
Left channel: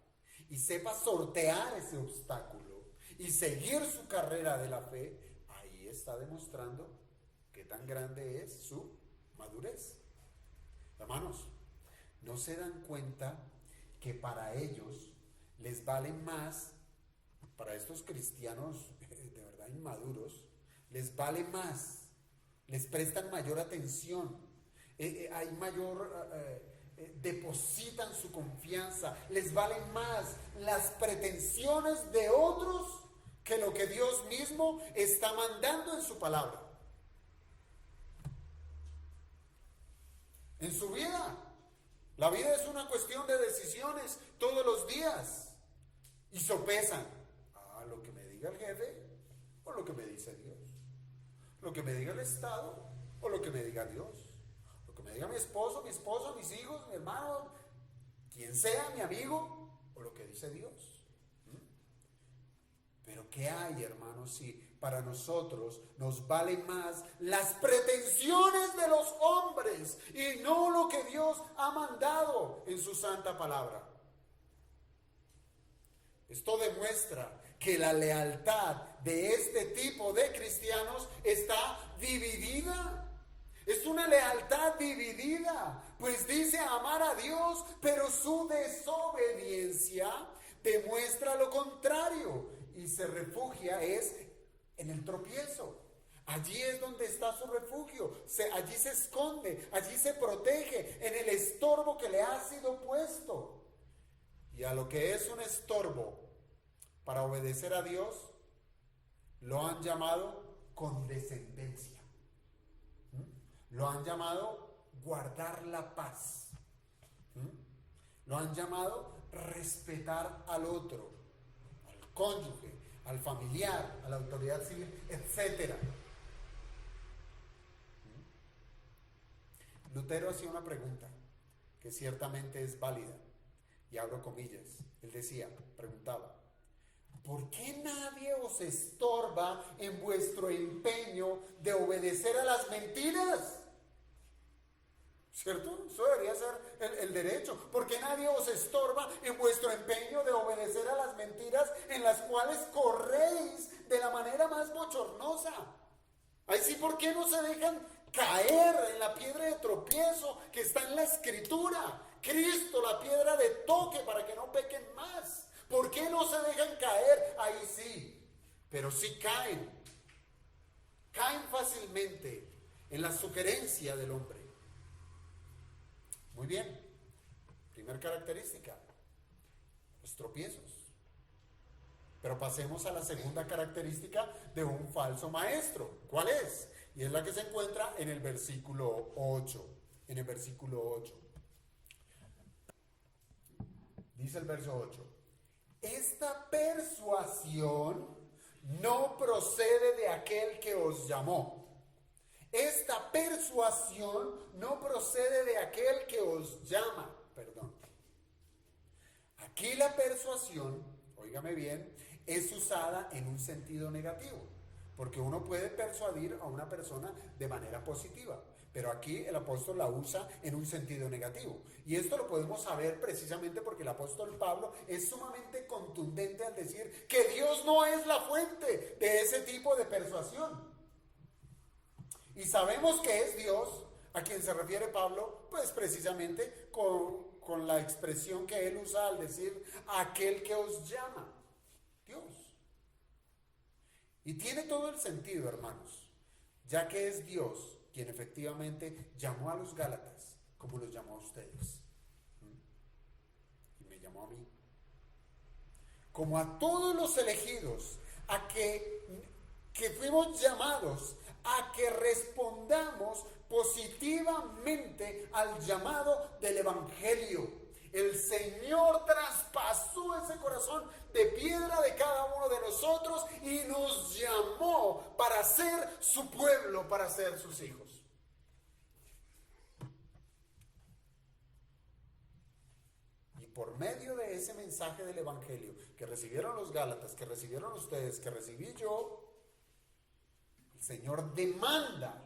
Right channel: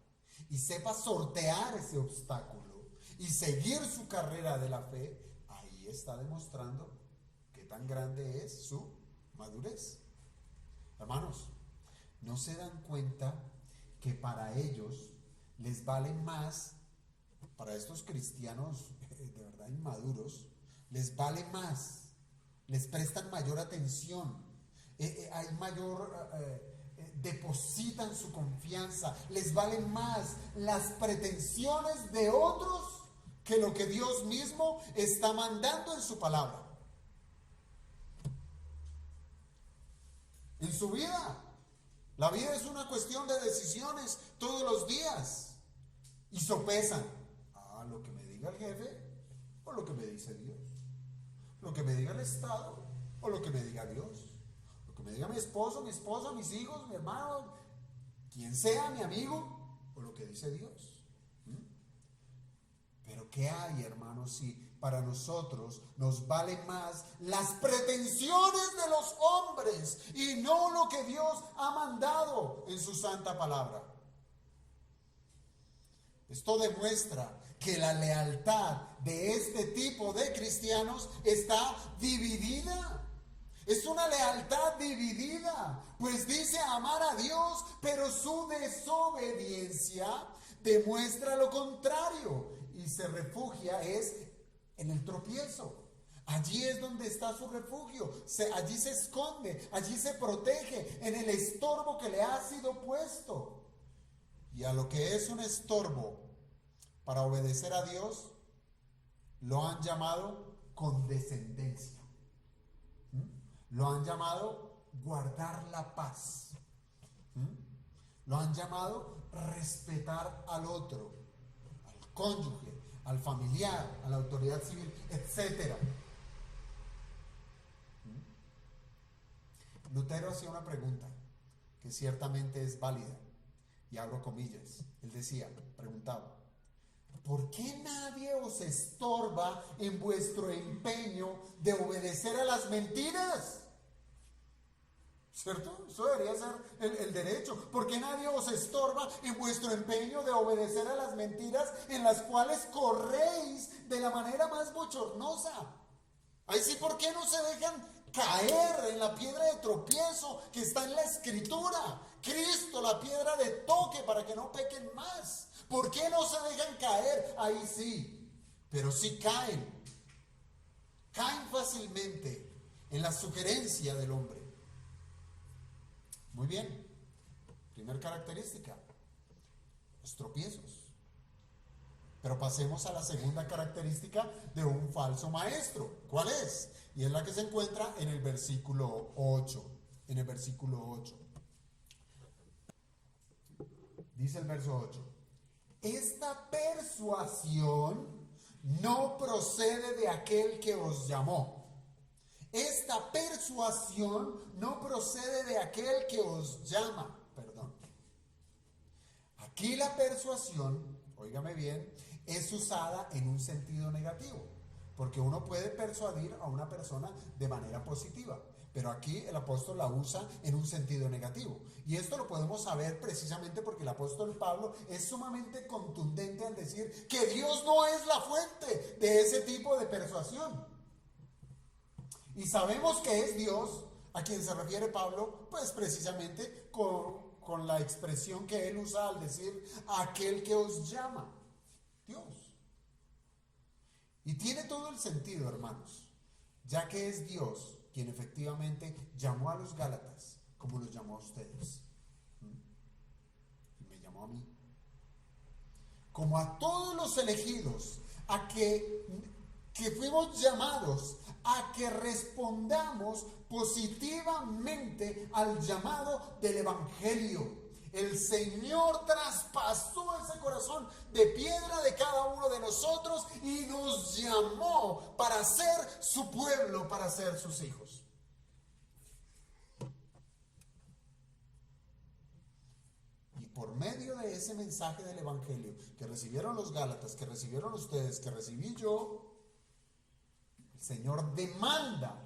y sepa sortear ese obstáculo y seguir su carrera de la fe, ahí está demostrando qué tan grande es su madurez. Hermanos, ¿no se dan cuenta que para ellos les vale más, para estos cristianos de verdad inmaduros, les vale más, les prestan mayor atención, hay mayor, depositan su confianza, les valen más las pretensiones de otros que lo que Dios mismo está mandando en su palabra? En su vida, la vida es una cuestión de decisiones todos los días, y sopesan lo que me diga el jefe o lo que me dice Dios, lo que me diga el Estado o lo que me diga Dios, lo que me diga mi esposo, mis hijos, mi hermano, quien sea, mi amigo, o lo que dice Dios. Pero ¿qué hay, hermanos, si para nosotros nos valen más las pretensiones de los hombres y no lo que Dios ha mandado en su santa palabra? Esto demuestra que la lealtad de este tipo de cristianos está dividida. Es una lealtad dividida, pues dice amar a Dios, pero su desobediencia demuestra lo contrario y se refugia en el tropiezo. Allí es donde está su refugio, allí se esconde, allí se protege, en el estorbo que le ha sido puesto. Y a lo que es un estorbo para obedecer a Dios, lo han llamado condescendencia. Lo han llamado guardar la paz. Lo han llamado respetar al otro, al cónyuge, al familiar, a la autoridad civil, etc. Lutero hacía una pregunta que ciertamente es válida, y abro comillas. Él preguntaba: ¿por qué nadie os estorba en vuestro empeño de obedecer a las mentiras? ¿Cierto? Eso debería ser el derecho. ¿Por qué nadie os estorba en vuestro empeño de obedecer a las mentiras en las cuales corréis de la manera más bochornosa? Ahí sí, ¿por qué no se dejan caer en la piedra de tropiezo que está en la Escritura? Cristo, la piedra de toque para que no pequen más. ¿Por qué no se dejan caer? Ahí sí, pero sí caen. Caen fácilmente en la sugerencia del hombre. Muy bien. Primer característica: los tropiezos. Pero pasemos a la segunda característica de un falso maestro. ¿Cuál es? Y es la que se encuentra en el versículo 8. En el versículo 8. Dice el verso 8: esta persuasión no procede de aquel que os llamó. Esta persuasión no procede de aquel que os llama. Perdón. Aquí la persuasión, óigame bien, es usada en un sentido negativo, porque uno puede persuadir a una persona de manera positiva, pero aquí el apóstol la usa en un sentido negativo. Y esto lo podemos saber precisamente porque el apóstol Pablo es sumamente contundente al decir que Dios no es la fuente de ese tipo de persuasión. Y sabemos que es Dios a quien se refiere Pablo, pues precisamente con la expresión que él usa al decir aquel que os llama, Dios. Y tiene todo el sentido, hermanos, ya que es Dios quien efectivamente llamó a los Gálatas como los llamó a ustedes. Y me llamó a mí. Como a todos los elegidos, a que fuimos llamados a que respondamos positivamente al llamado del Evangelio. El Señor traspasó ese corazón de piedra de cada uno de nosotros y nos llamó para ser su pueblo, para ser sus hijos. Y por medio de ese mensaje del Evangelio que recibieron los Gálatas, que recibieron ustedes, que recibí yo, el Señor demanda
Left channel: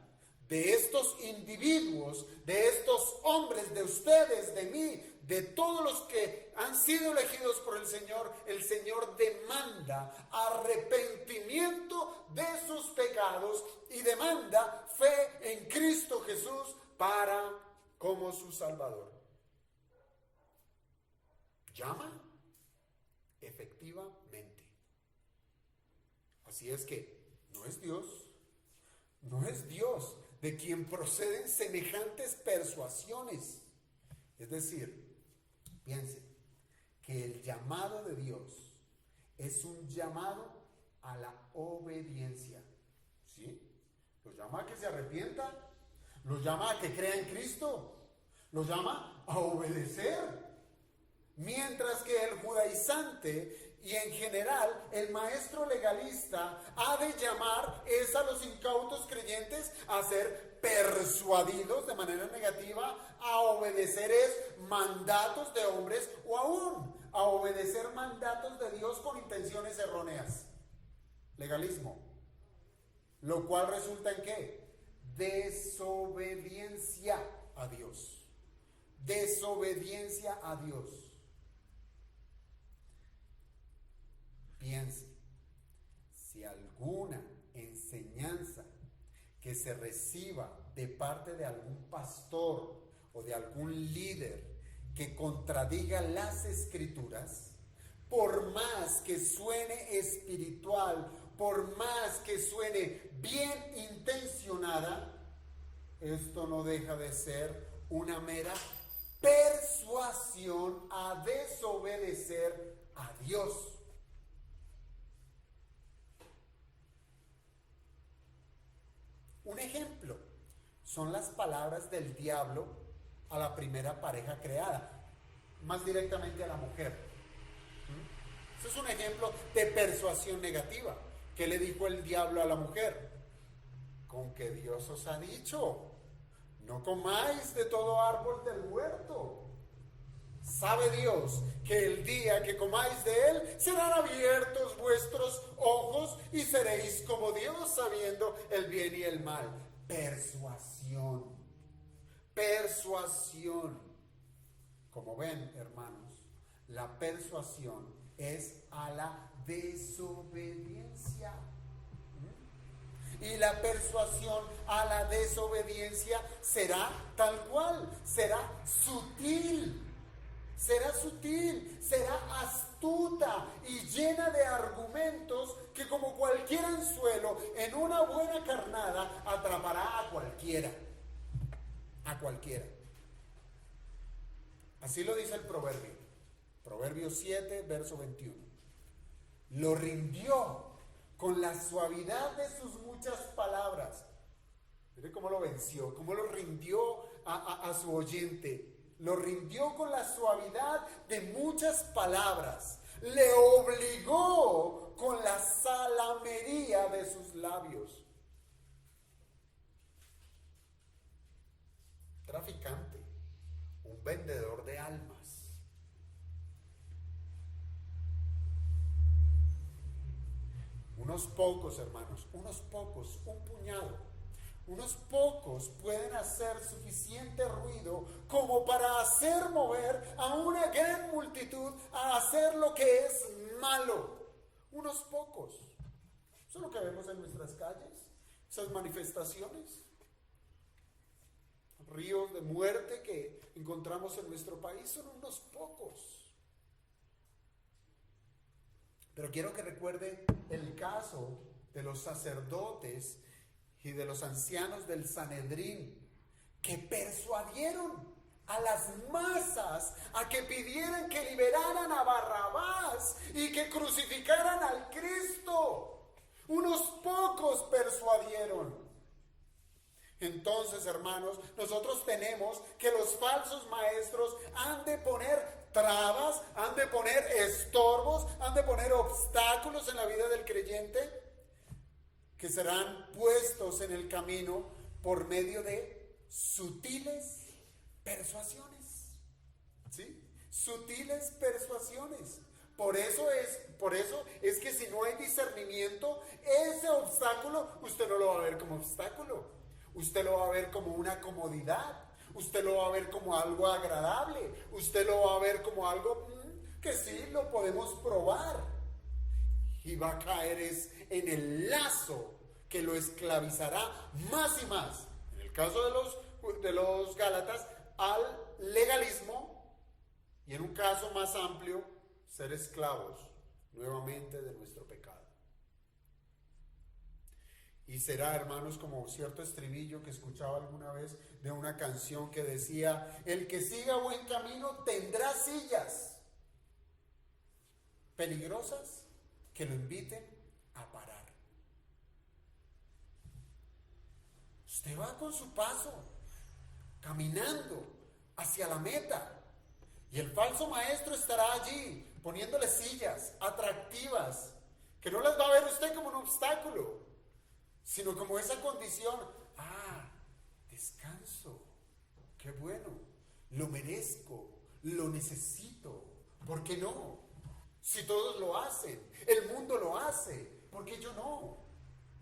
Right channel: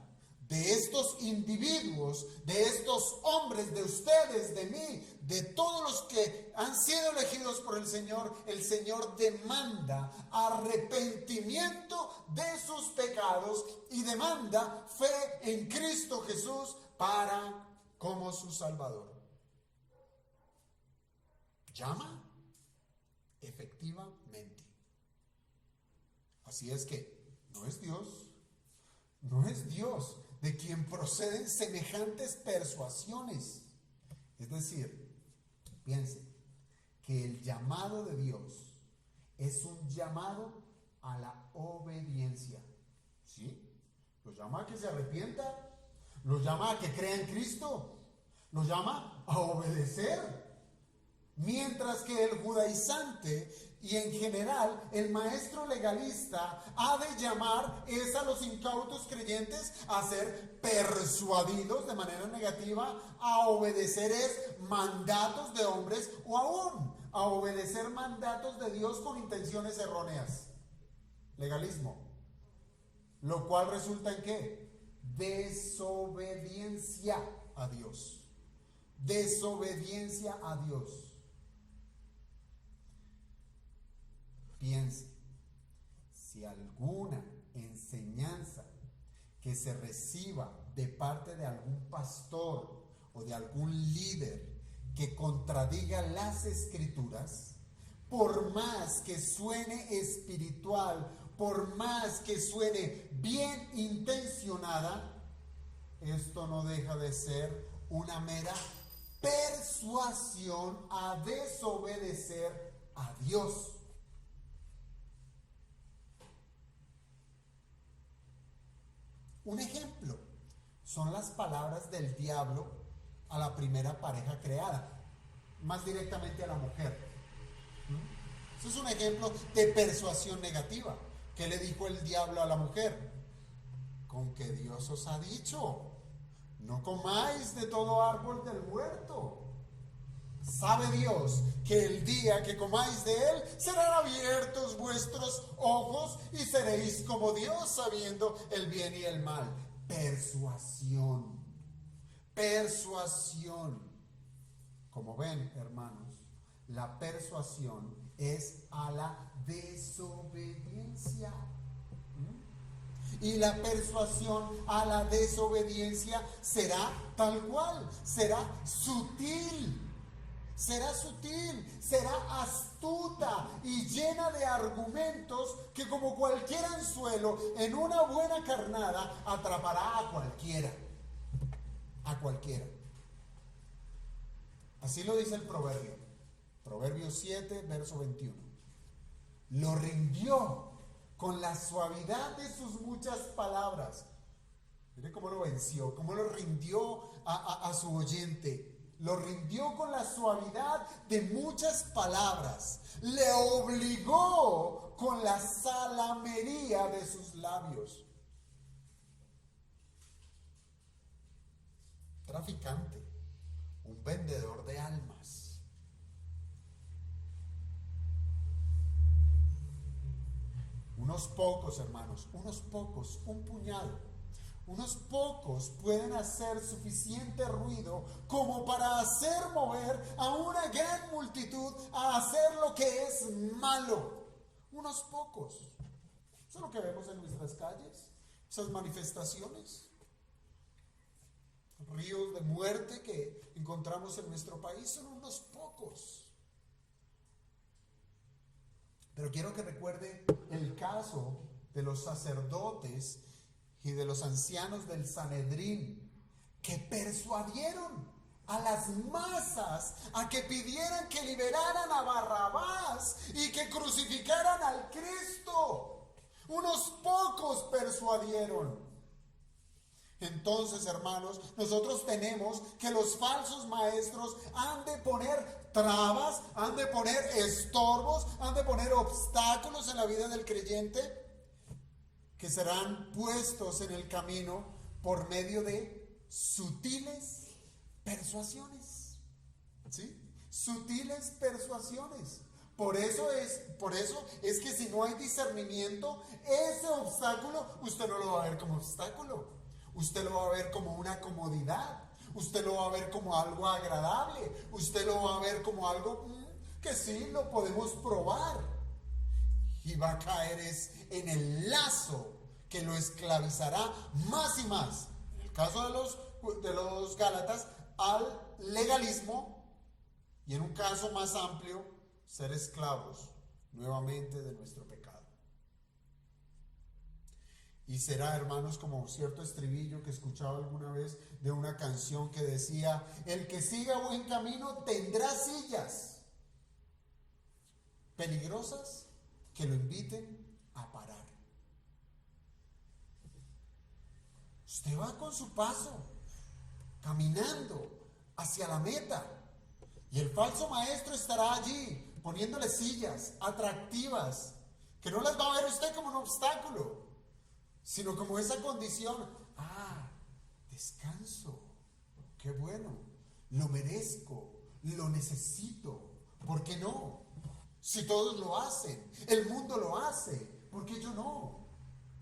de estos individuos, de estos hombres, de ustedes, de mí, de todos los que han sido elegidos por el Señor demanda arrepentimiento de sus pecados y demanda fe en Cristo Jesús como su Salvador. Llama efectivamente. Así es que no es Dios de quien proceden semejantes persuasiones. Es decir, piense que el llamado de Dios es un llamado a la obediencia. ¿Sí? Los llama a que se arrepientan, los llama a que crea en Cristo, los llama a obedecer. Mientras que el judaizante y en general el maestro legalista ha de llamar a los incautos creyentes a ser persuadidos de manera negativa, a obedecer mandatos de hombres o aún a obedecer mandatos de Dios con intenciones erróneas. Legalismo. Lo cual resulta en ¿qué? Desobediencia a Dios. Desobediencia a Dios. Piense, si alguna enseñanza que se reciba de parte de algún pastor o de algún líder que contradiga las Escrituras, por más que suene espiritual, por más que suene bien intencionada, esto no deja de ser una mera persuasión a desobedecer a Dios. Un ejemplo son las palabras del diablo a la primera pareja creada, más directamente a la mujer. Eso es un ejemplo de persuasión negativa. ¿Qué le dijo el diablo a la mujer? Con que Dios os ha dicho, no comáis de todo árbol del huerto. Sabe Dios que el día que comáis de él serán abiertos vuestros ojos y seréis como Dios, sabiendo el bien y el mal. Persuasión. Persuasión. Como ven, hermanos, la persuasión es a la desobediencia. Y la persuasión a la desobediencia será tal cual, será sutil. Será sutil, será astuta y llena de argumentos que como cualquier anzuelo en una buena carnada atrapará a cualquiera. A cualquiera. Así lo dice el proverbio. Proverbio 7, verso 21. Lo rindió con la suavidad de sus muchas palabras. Mire cómo lo venció, cómo lo rindió a su oyente. Lo rindió con la suavidad de muchas palabras. Le obligó con la salamería de sus labios. Traficante, un vendedor de almas. Unos pocos, hermanos, unos pocos, un puñado. Unos pocos pueden hacer suficiente ruido como para hacer mover a una gran multitud a hacer lo que es malo. Unos pocos. Eso es lo que vemos en nuestras calles, esas manifestaciones. Ríos de muerte que encontramos en nuestro país son unos pocos. Pero quiero que recuerde el caso de los sacerdotes y de los ancianos del Sanedrín que persuadieron a las masas a que pidieran que liberaran a Barrabás y que crucificaran al Cristo. Unos pocos persuadieron. Entonces, hermanos, nosotros tenemos que los falsos maestros han de poner trabas, han de poner estorbos, han de poner obstáculos en la vida del creyente que serán puestos en el camino por medio de sutiles persuasiones. ¿Sí? Sutiles persuasiones. Por eso es que si no hay discernimiento, ese obstáculo usted no lo va a ver como obstáculo. Usted lo va a ver como una comodidad. Usted lo va a ver como algo agradable. Usted lo va a ver como algo que sí lo podemos probar. Y va a caer en el lazo que lo esclavizará más y más. En el caso de los Gálatas, al legalismo, y en un caso más amplio, ser esclavos nuevamente de nuestro pecado. Y será, hermanos, como cierto estribillo que escuchaba alguna vez de una canción que decía: el que siga buen camino tendrá sillas peligrosas que lo inviten a parar. Usted va con su paso, caminando hacia la meta, y el falso maestro estará allí poniéndole sillas atractivas que no las va a ver usted como un obstáculo, sino como esa condición. Descanso, qué bueno, lo merezco, lo necesito. ¿Por qué no? Si todos lo hacen, el mundo lo hace, ¿por qué yo no?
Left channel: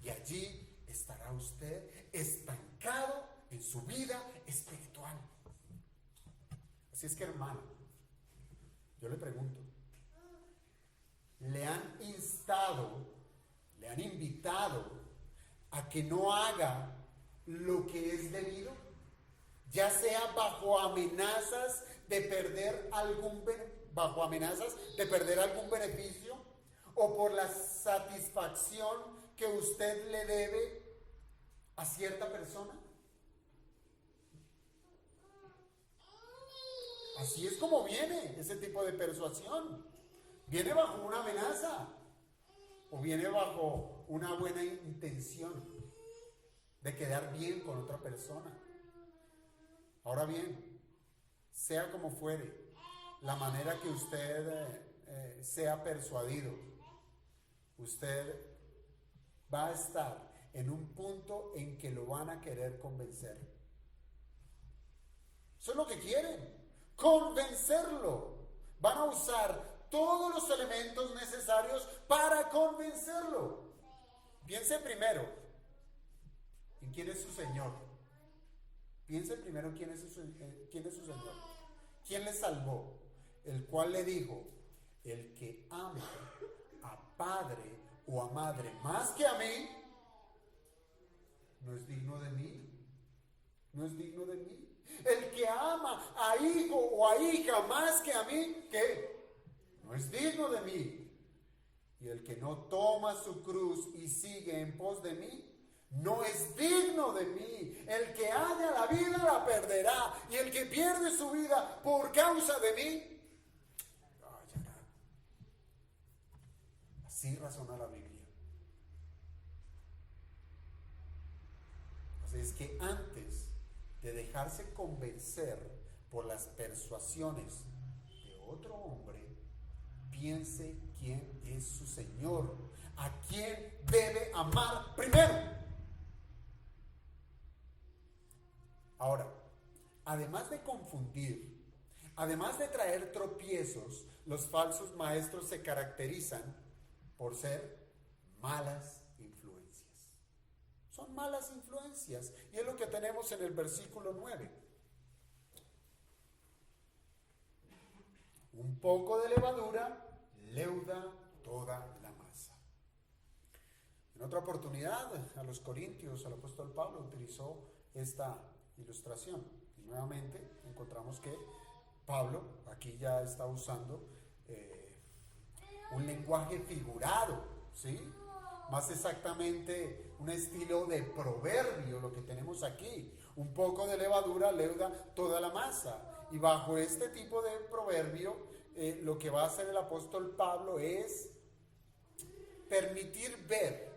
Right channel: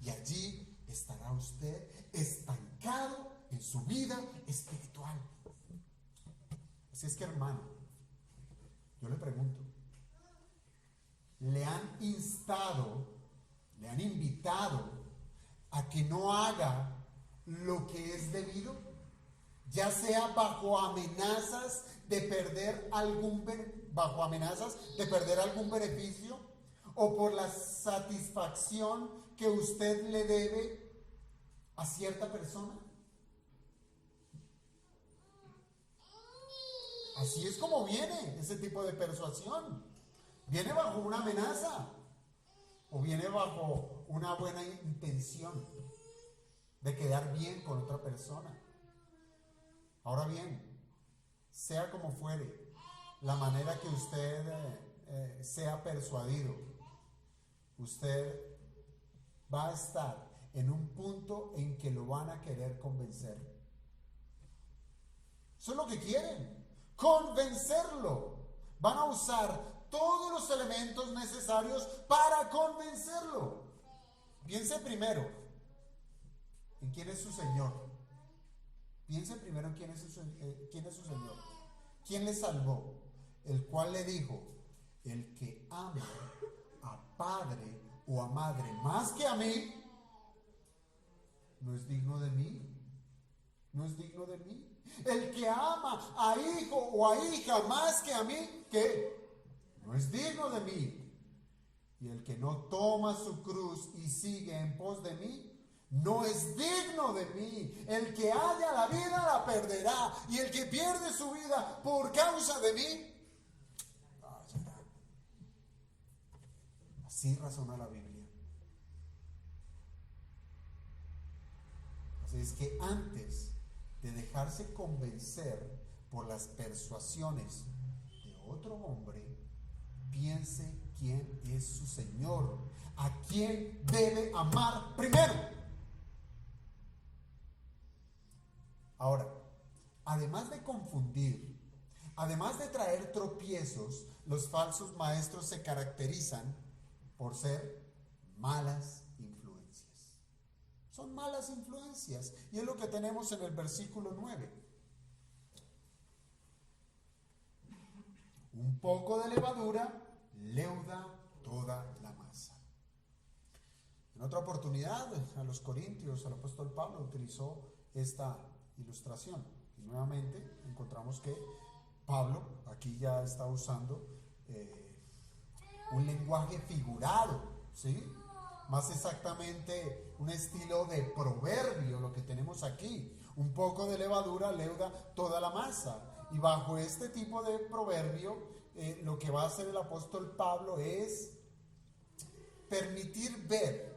Y allí estará usted estancado en su vida espiritual. Así es que, hermano, yo le pregunto, ¿le han instado, le han invitado a que no haga lo que es debido? Ya sea bajo amenazas de perder algún beneficio, o por la satisfacción que usted le debe a cierta persona. Así es como viene ese tipo de persuasión. Viene bajo una amenaza o viene bajo una buena intención de quedar bien con otra persona. Ahora bien, sea como fuere, la manera que usted sea persuadido, usted va a estar en un punto en que lo van a querer convencer. Eso es lo que quieren, convencerlo. Van a usar todos los elementos necesarios para convencerlo. Piense primero en quién es su Señor. Piense primero en quién es su Señor. ¿Quién le salvó? El cual le dijo: el que ame a padre o a madre más que a mí, no es digno de mí. No es digno de mí. El que ama a hijo o a hija más que a mí, ¿qué? No es digno de mí. Y el que no toma su cruz y sigue en pos de mí, no es digno de mí. El que haya la vida la perderá, y el que pierde su vida por causa de mí, la hallará. Así razona la Biblia. Así es que antes de dejarse convencer por las persuasiones de otro hombre, piense quién es su Señor, a quién debe amar primero. Ahora, además de confundir, además de traer tropiezos, los falsos maestros se caracterizan por ser malas influencias. Son malas influencias. Y es lo que tenemos en el versículo 9. Un poco de levadura leuda toda la masa. En otra oportunidad, a los corintios, el apóstol Pablo utilizó esta ilustración. Y nuevamente encontramos que Pablo aquí ya está usando un lenguaje figurado, ¿sí? Más exactamente un estilo de proverbio, lo que tenemos aquí. Un poco de levadura leuda toda la masa. Y bajo este tipo de proverbio, lo que va a hacer el apóstol Pablo es permitir ver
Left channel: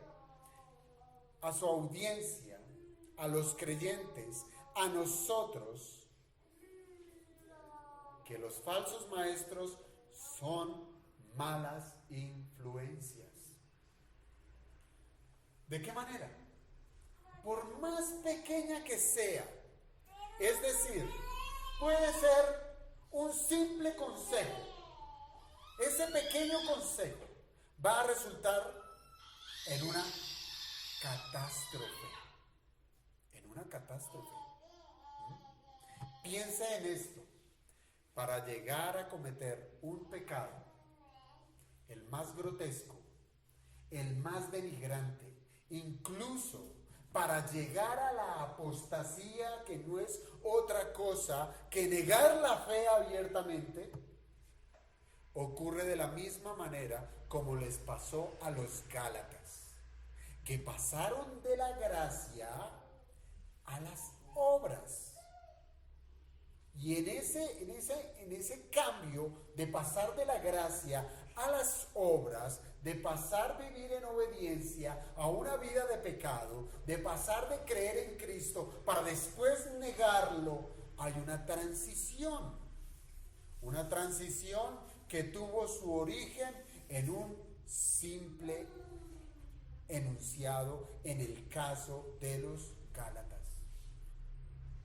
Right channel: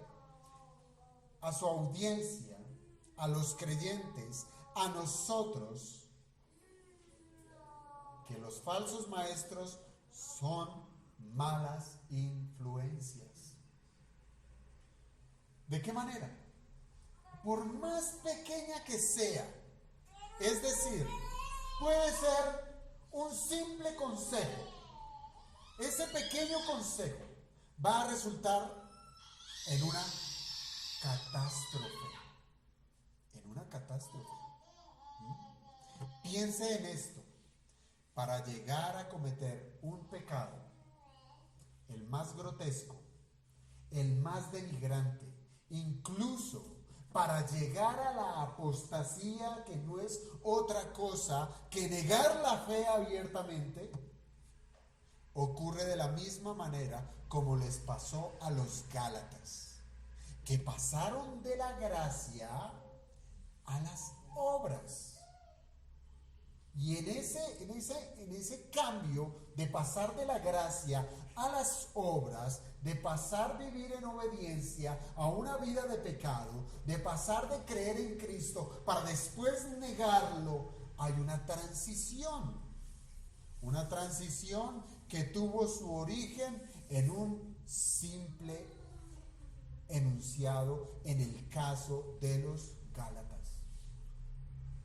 a su audiencia, a los creyentes, a nosotros, que los falsos maestros son malas influencias. ¿De qué manera? Por más pequeña que sea, es decir, puede ser un simple consejo. Ese pequeño consejo va a resultar en una catástrofe. En una catástrofe. Piense en esto. Para llegar a cometer un pecado, el más grotesco, el más denigrante, incluso para llegar a la apostasía, que no es otra cosa que negar la fe abiertamente, ocurre de la misma manera como les pasó a los Gálatas, que pasaron de la gracia a las obras. Y en ese cambio de pasar de la gracia a las obras, de pasar a vivir en obediencia a una vida de pecado, de pasar de creer en Cristo para después negarlo, hay una transición. Una transición que tuvo su origen en un simple enunciado en el caso de los Gálatas.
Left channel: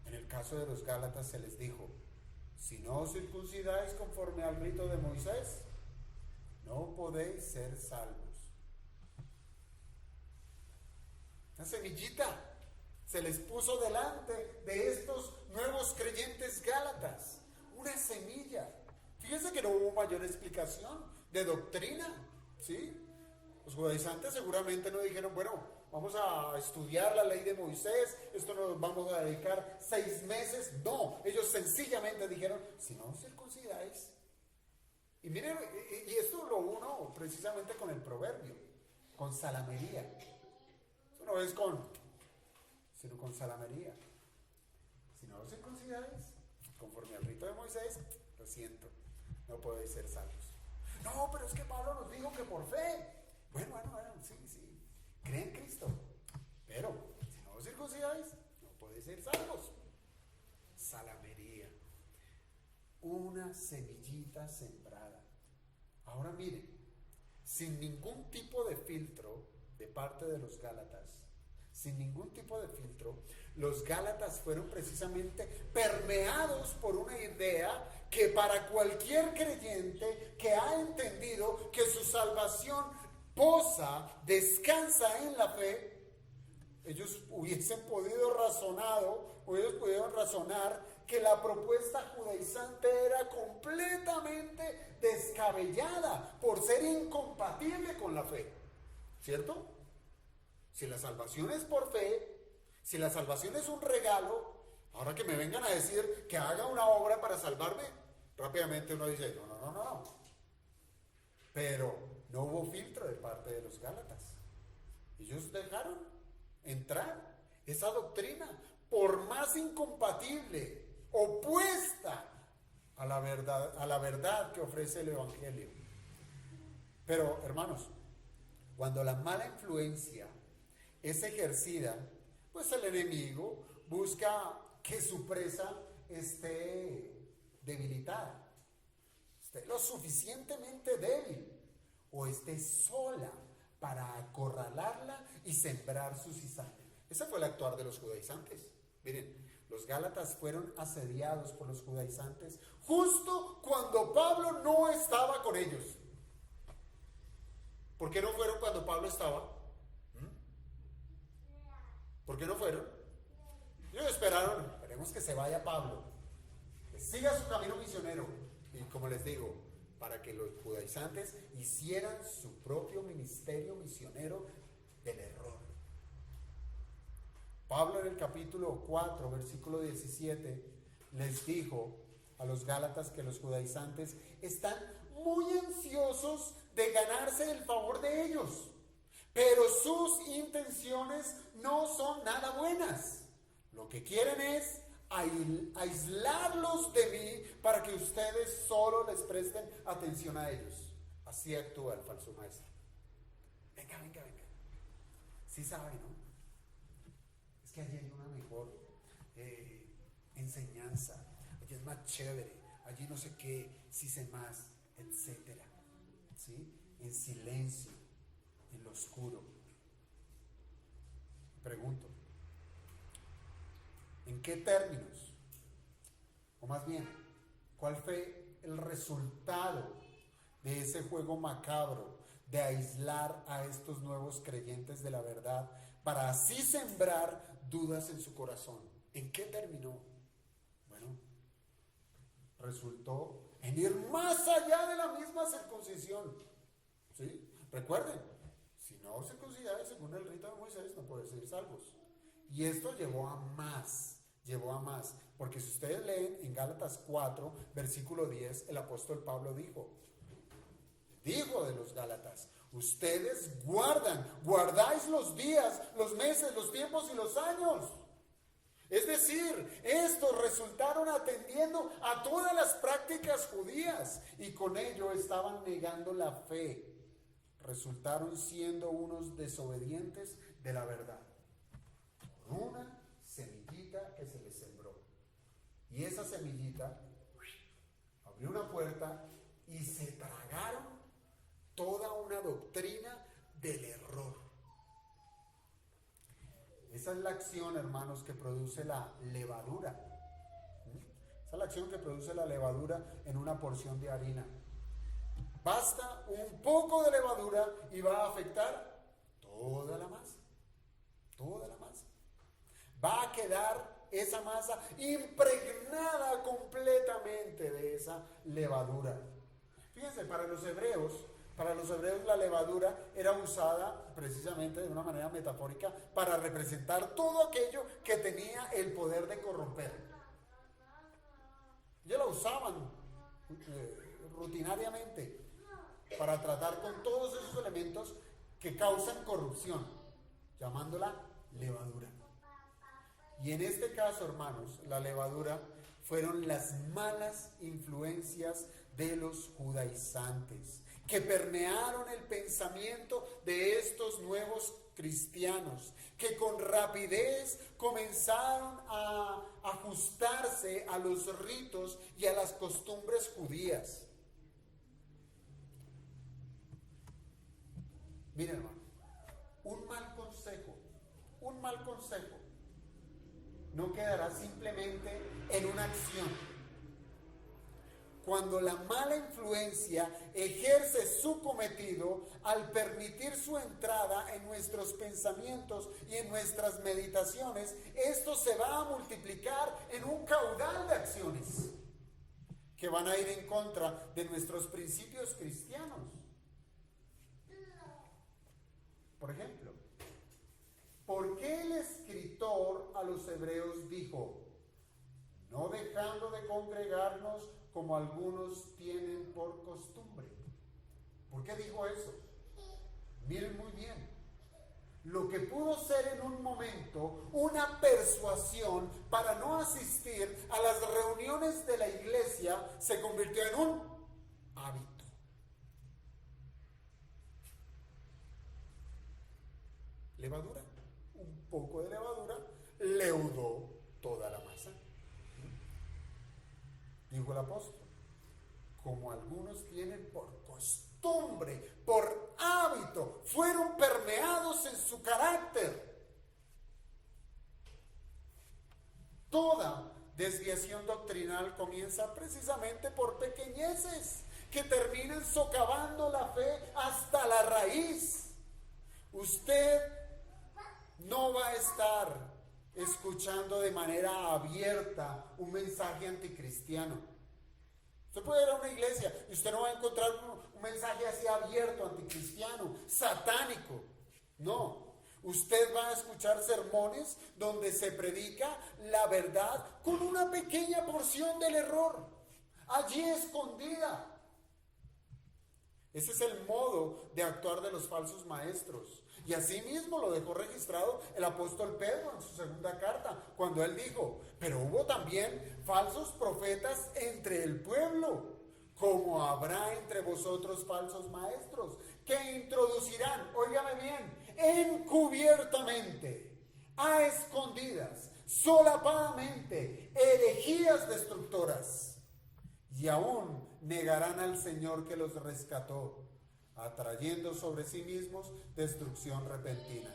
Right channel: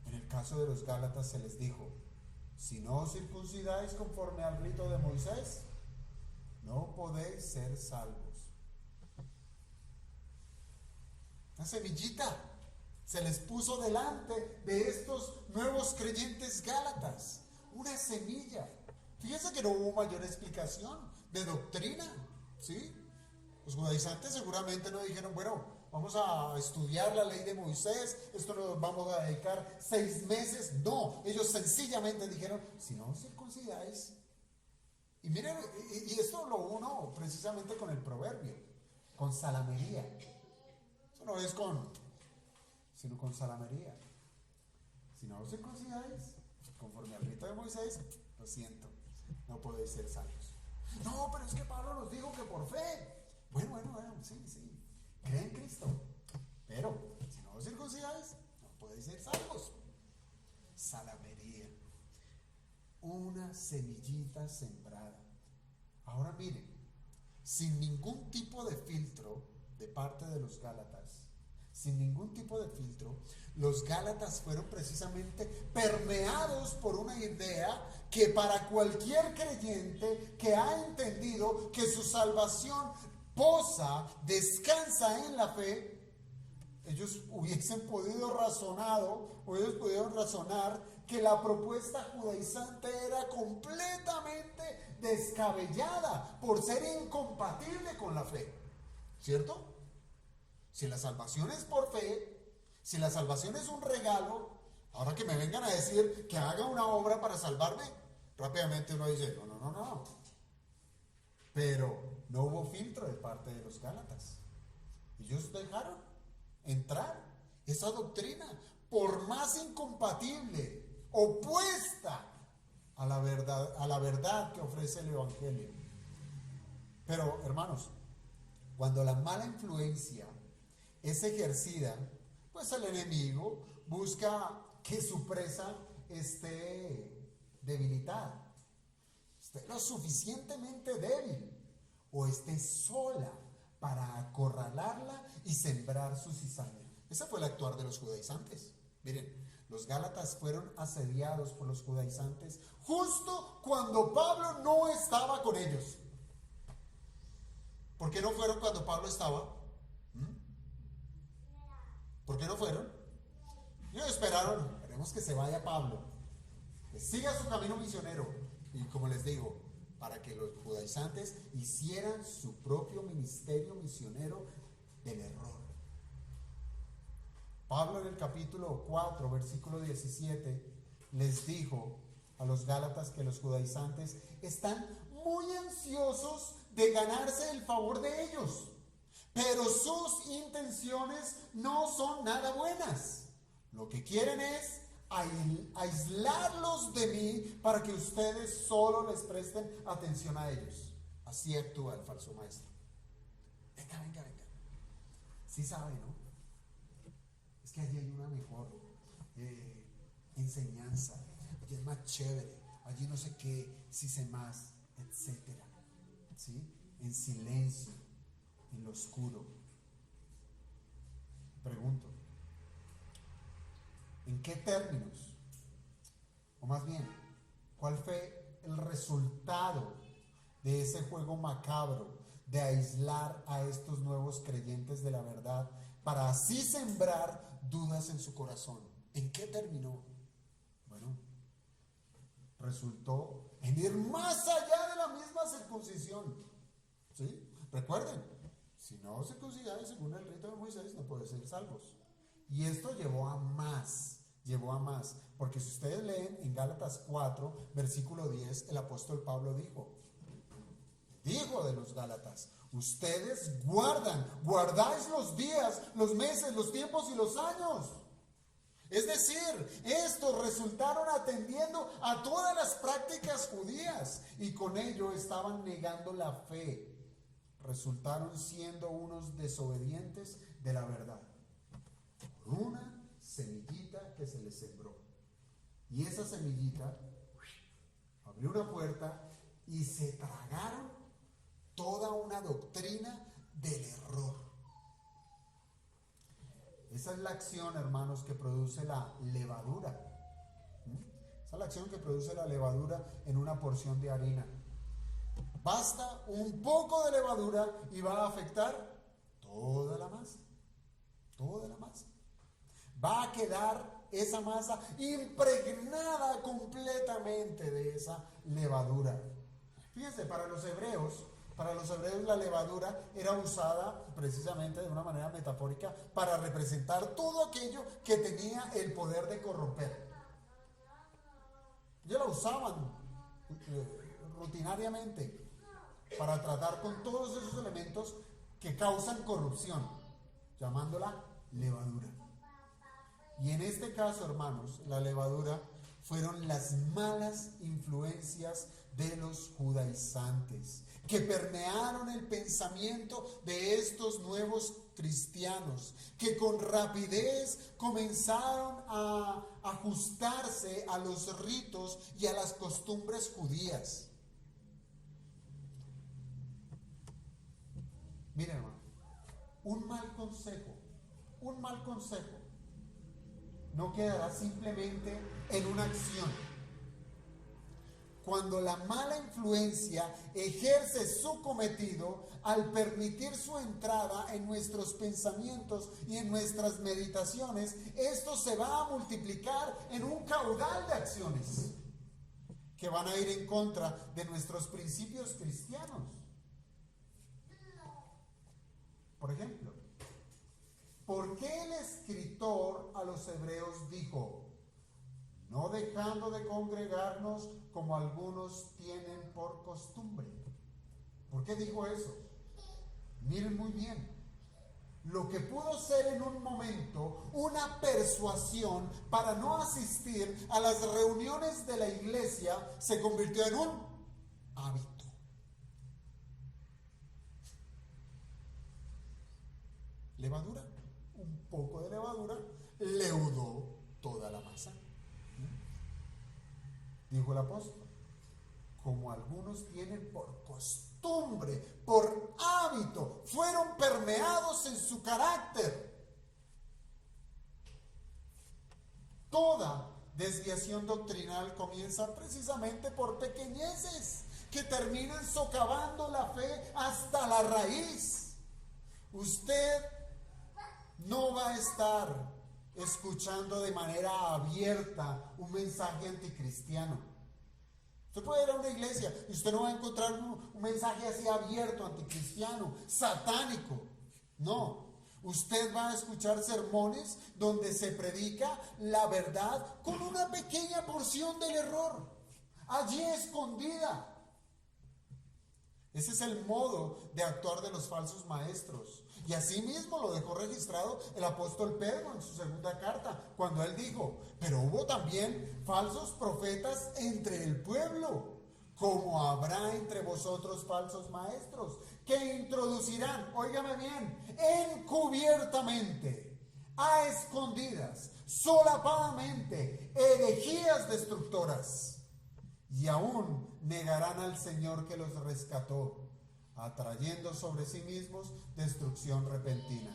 En el caso de los Gálatas se les dijo: si no os circuncidáis conforme al rito de Moisés, no podéis ser salvos. Una semillita se les puso delante de estos nuevos creyentes gálatas. Una semilla. Fíjense que no hubo mayor explicación de doctrina, ¿sí? Los judaizantes seguramente no dijeron: bueno, vamos a estudiar la ley de Moisés, esto nos vamos a dedicar 6 meses. No, ellos sencillamente dijeron: si no os circuncidáis. Y miren, y esto lo uno precisamente con el proverbio, con salamería. Eso no es sino con salamería. Si no os circuncidáis conforme al rito de Moisés, lo siento, no podéis ser salvos. No, pero es que Pablo nos dijo que por fe. Bueno, sí. Creen en Cristo, pero si no os circuncidáis, no podéis ser salvos. Salamería. Una semillita sembrada. Ahora miren, sin ningún tipo de filtro de parte de los Gálatas, sin ningún tipo de filtro, los Gálatas fueron precisamente permeados por una idea que para cualquier creyente que ha entendido que su salvación descansa en la fe, ellos hubiesen podido razonar que la propuesta judaizante era completamente descabellada por ser incompatible con la fe, ¿cierto? Si la salvación es por fe, si la salvación es un regalo, ahora que me vengan a decir que haga una obra para salvarme, rápidamente uno dice: no. Pero no hubo filtro de parte de los Gálatas. Ellos dejaron entrar esa doctrina, por más incompatible, opuesta a la verdad que ofrece el Evangelio. Pero, hermanos, cuando la mala influencia es ejercida, pues el enemigo busca que su presa esté debilitada, esté lo suficientemente débil, o esté sola para acorralarla y sembrar su cizaña. Ese fue el actuar de los judaizantes. Miren, los Gálatas fueron asediados por los judaizantes justo cuando Pablo no estaba con ellos. ¿Por qué no fueron cuando Pablo estaba? ¿Por qué no fueron? Ellos esperaron, esperemos que se vaya Pablo, que siga su camino misionero. Y como les digo, para que los judaizantes hicieran su propio ministerio misionero del error. Pablo en el capítulo 4, versículo 17, les dijo a los gálatas que los judaizantes están muy ansiosos de ganarse el favor de ellos, pero sus intenciones no son nada buenas. Lo que quieren es aislarlos de mí para que ustedes solo les presten atención a ellos. Así actúa el falso maestro. Venga. Sí sabe, ¿no? Es que allí hay una mejor enseñanza. Allí es más chévere. Allí no sé qué, sí sé más, etcétera. ¿Sí? En silencio, en lo oscuro. Pregunto, ¿en qué términos? O más bien, ¿cuál fue el resultado de ese juego macabro de aislar a estos nuevos creyentes de la verdad para así sembrar dudas en su corazón? ¿En qué terminó? Bueno, resultó en ir más allá de la misma circuncisión. ¿Sí? Recuerden, si no circuncidáis según el rito de Moisés, no podéis ser salvos. Y esto llevó a más, porque si ustedes leen en Gálatas 4, versículo 10, el apóstol Pablo dijo de los Gálatas: ustedes guardáis los días, los meses, los tiempos y los años. Es decir, estos resultaron atendiendo a todas las prácticas judías y con ello estaban negando la fe. Resultaron siendo unos desobedientes de la verdad. Una semillita que se les sembró. Y esa semillita abrió una puerta y se tragaron toda una doctrina del error. Esa es la acción, hermanos, que produce la levadura. Esa es la acción que produce la levadura en una porción de harina. Basta un poco de levadura y va a afectar toda la masa. Toda la masa. Va a quedar esa masa impregnada completamente de esa levadura. Fíjense, para los hebreos la levadura era usada precisamente de una manera metafórica para representar todo aquello que tenía el poder de corromper. Ellos la usaban rutinariamente para tratar con todos esos elementos que causan corrupción, llamándola levadura. Y en este caso, hermanos, la levadura fueron las malas influencias de los judaizantes, que permearon el pensamiento de estos nuevos cristianos, que con rapidez comenzaron a ajustarse a los ritos y a las costumbres judías. Miren, hermano, un mal consejo no quedará simplemente en una acción. Cuando la mala influencia ejerce su cometido al permitir su entrada en nuestros pensamientos y en nuestras meditaciones, esto se va a multiplicar en un caudal de acciones que van a ir en contra de nuestros principios cristianos. Por ejemplo, ¿por qué el escritor a los hebreos dijo: no dejando de congregarnos como algunos tienen por costumbre? ¿Por qué dijo eso? Miren muy bien. Lo que pudo ser en un momento una persuasión para no asistir a las reuniones de la iglesia se convirtió en un hábito. Levadura, un poco de levadura leudó toda la masa. Dijo el apóstol: como algunos tienen por costumbre, por hábito, fueron permeados en su carácter. Toda desviación doctrinal comienza precisamente por pequeñeces que terminen socavando la fe hasta a la raíz. Usted no va a estar escuchando de manera abierta un mensaje anticristiano. Usted puede ir a una iglesia y usted no va a encontrar un mensaje así abierto, anticristiano, satánico. No. Usted va a escuchar sermones donde se predica la verdad con una pequeña porción del error, allí escondida. Ese es el modo de actuar de los falsos maestros. Y así mismo lo dejó registrado el apóstol Pedro en su segunda carta, cuando él dijo: pero hubo también falsos profetas entre el pueblo, como habrá entre vosotros falsos maestros, que introducirán, óigame bien, encubiertamente, a escondidas, solapadamente, herejías destructoras, y aún negarán al Señor que los rescató, atrayendo sobre sí mismos destrucción repentina.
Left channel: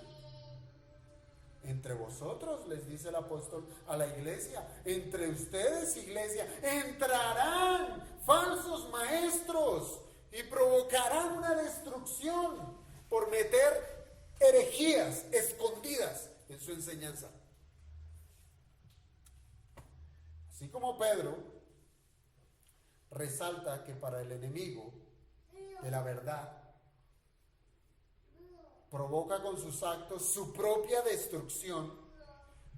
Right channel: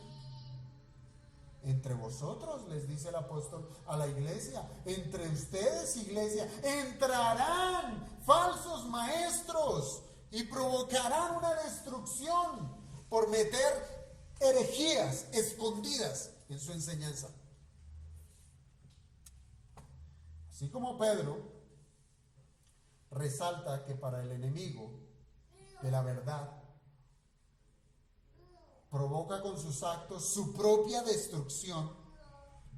Entre vosotros, les dice el apóstol a la iglesia, entre ustedes, iglesia, entrarán falsos maestros y provocarán una destrucción por meter herejías escondidas en su enseñanza. Así como Pedro resalta que para el enemigo de la verdad provoca con sus actos su propia destrucción,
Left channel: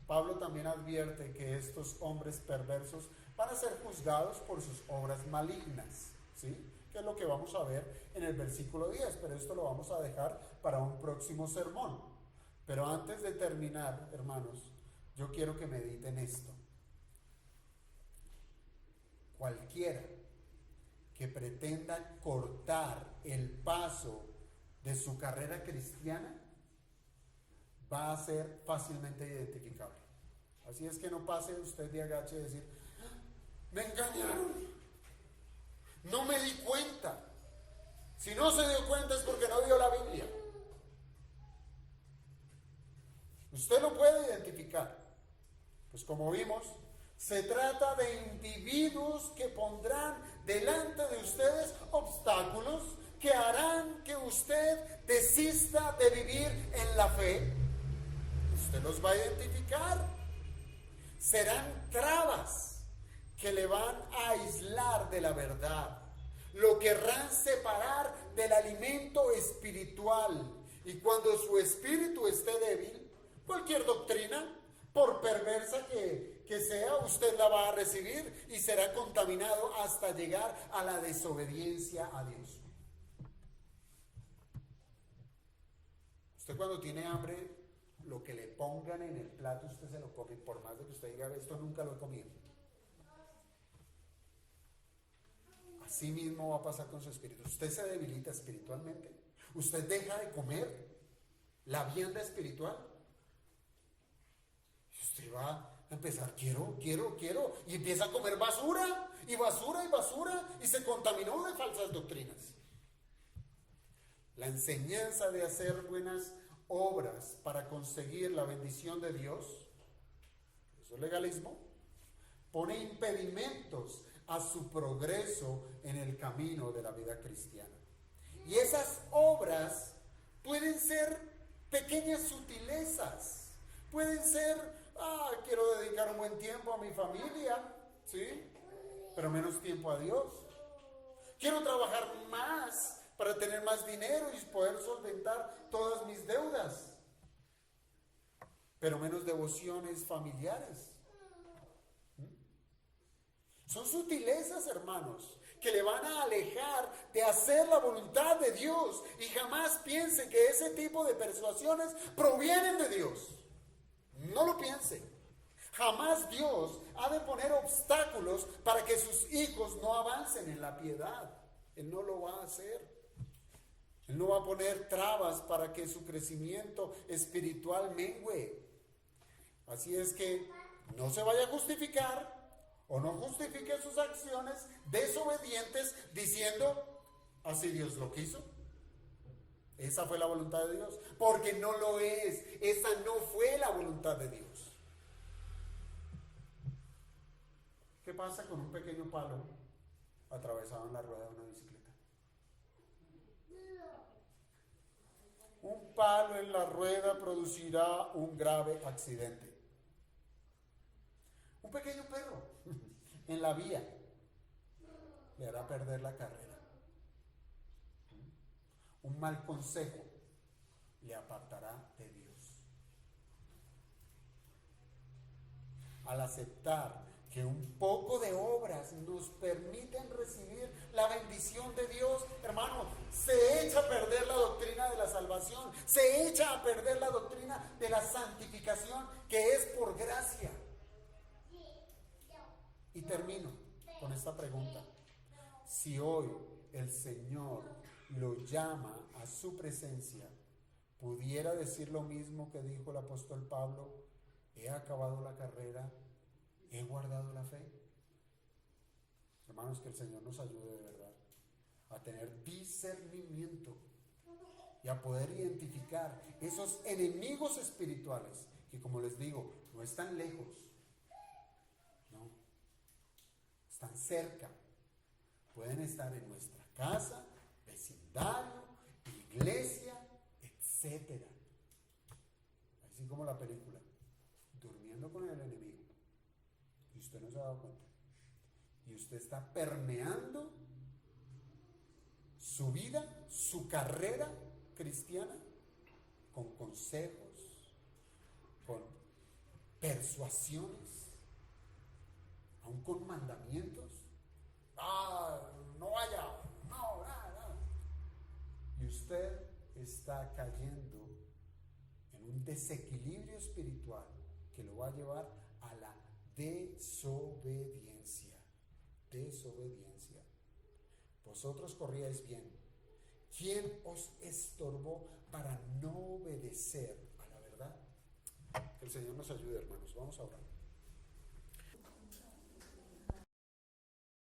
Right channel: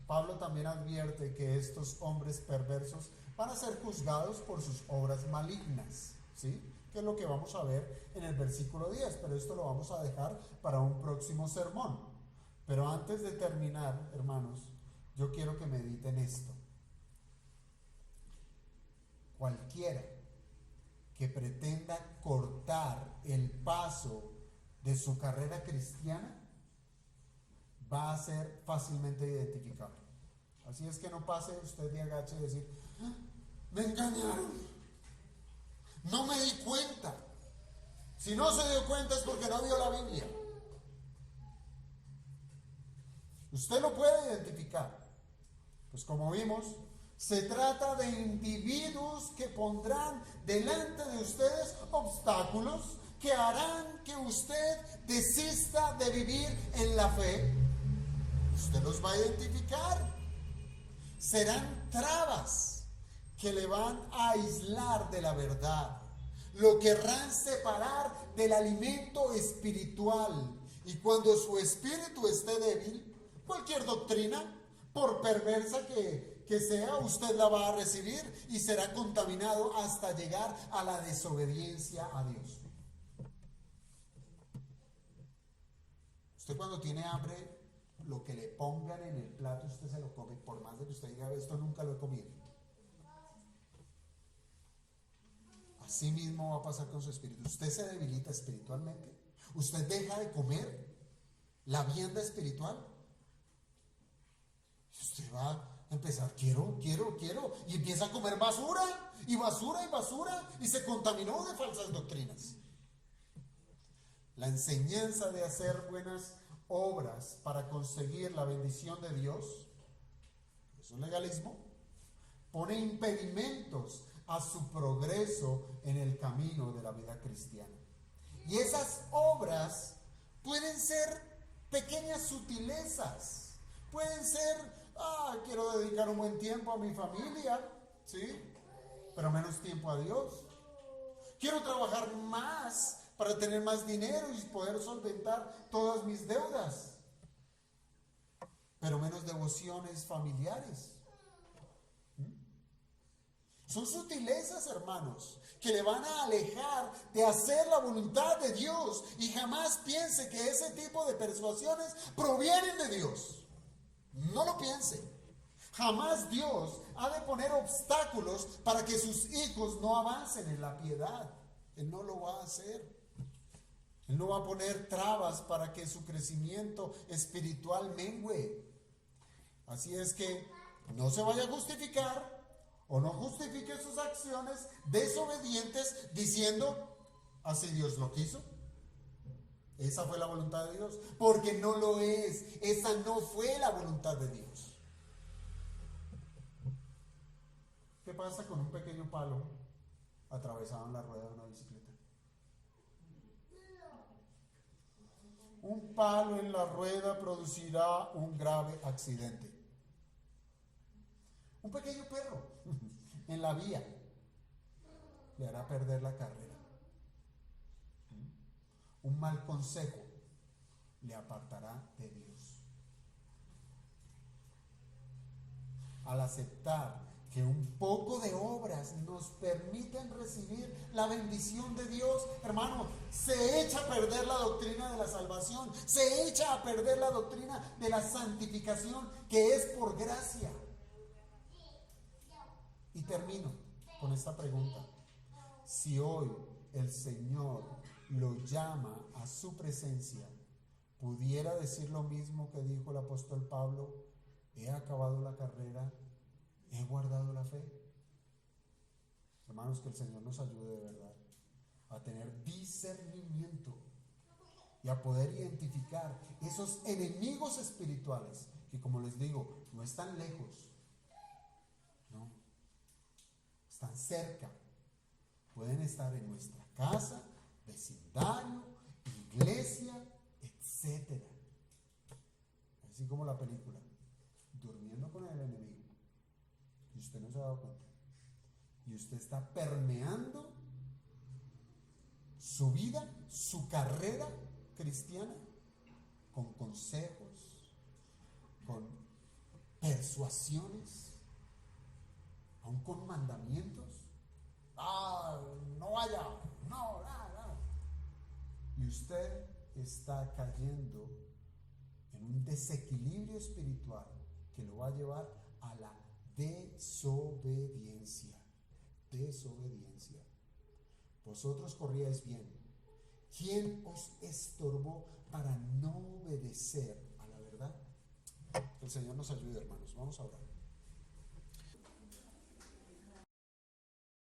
Pablo también advierte que estos hombres perversos van a ser juzgados por sus obras malignas, ¿sí? Que es lo que vamos a ver en el versículo 10, pero esto lo vamos a dejar para un próximo sermón. Pero antes de terminar, hermanos, yo quiero que mediten esto. Cualquiera que pretenda cortar el paso de su carrera cristiana va a ser fácilmente identificable. Así es que no pase usted de agache y decir: me engañaron, no me di cuenta. Si no se dio cuenta es porque no vio la Biblia. Usted lo puede identificar. Pues como vimos, se trata de individuos que pondrán delante de ustedes obstáculos que harán que usted desista de vivir en la fe. Usted los va a identificar. Serán trabas que le van a aislar de la verdad. Lo querrán separar del alimento espiritual. Y cuando su espíritu esté débil, cualquier doctrina, por perversa que sea, usted la va a recibir y será contaminado hasta llegar a la desobediencia a Dios. Usted cuando tiene hambre, lo que le pongan en el plato usted se lo come, por más de que usted diga: esto nunca lo he comido. Así mismo va a pasar con su espíritu. Usted se debilita espiritualmente, usted deja de comer la vianda espiritual, y usted va a empezar: quiero, y empieza a comer basura, y se contaminó de falsas doctrinas. La enseñanza de hacer buenas obras para conseguir la bendición de Dios, eso es legalismo, pone impedimentos a su progreso en el camino de la vida cristiana. Y esas obras pueden ser pequeñas sutilezas, pueden ser: quiero dedicar un buen tiempo a mi familia, ¿sí? Pero menos tiempo a Dios. Quiero trabajar más para tener más dinero y poder solventar todas mis deudas, pero menos devociones familiares. Son sutilezas, hermanos, que le van a alejar de hacer la voluntad de Dios. Y jamás piense que ese tipo de persuasiones provienen de Dios. No lo piense. Jamás Dios ha de poner obstáculos para que sus hijos no avancen en la piedad. Él no lo va a hacer. Él no va a poner trabas para que su crecimiento espiritual mengüe. Así es que no se vaya a justificar o no justifique sus acciones desobedientes diciendo: así Dios lo quiso. Esa fue la voluntad de Dios, porque no lo es. Esa no fue la voluntad de Dios. ¿Qué pasa con un pequeño palo atravesado en la rueda de una bicicleta? un palo en la rueda producirá un grave accidente. Un pequeño perro en la vía le hará perder la carrera. Un mal consejo le apartará de Dios. Al aceptar que un poco de obras nos permiten recibir la bendición de Dios, hermano, se echa a perder la doctrina de la salvación, se echa a perder la doctrina de la santificación, que es por gracia. Y termino con esta pregunta: si hoy el Señor lo llama a su presencia, ¿pudiera decir lo mismo que dijo el apóstol Pablo? He acabado la carrera, he guardado la fe. Hermanos, que el Señor nos ayude de verdad a tener discernimiento y a poder identificar esos enemigos espirituales que, como les digo, no están lejos, no, están cerca. Pueden estar en nuestra casa, vecindario, iglesia, etcétera. Así como la película, durmiendo con el enemigo. Y usted no se ha dado cuenta. Y usted está permeando su vida, su carrera cristiana, con consejos, con persuasiones, aún con mandamientos. No vaya, no. Y usted está cayendo en un desequilibrio espiritual que lo va a llevar a la desobediencia. Vosotros corríais bien. ¿Quién os estorbó para no obedecer a la verdad? Que el Señor nos ayude, hermanos. Vamos a orar.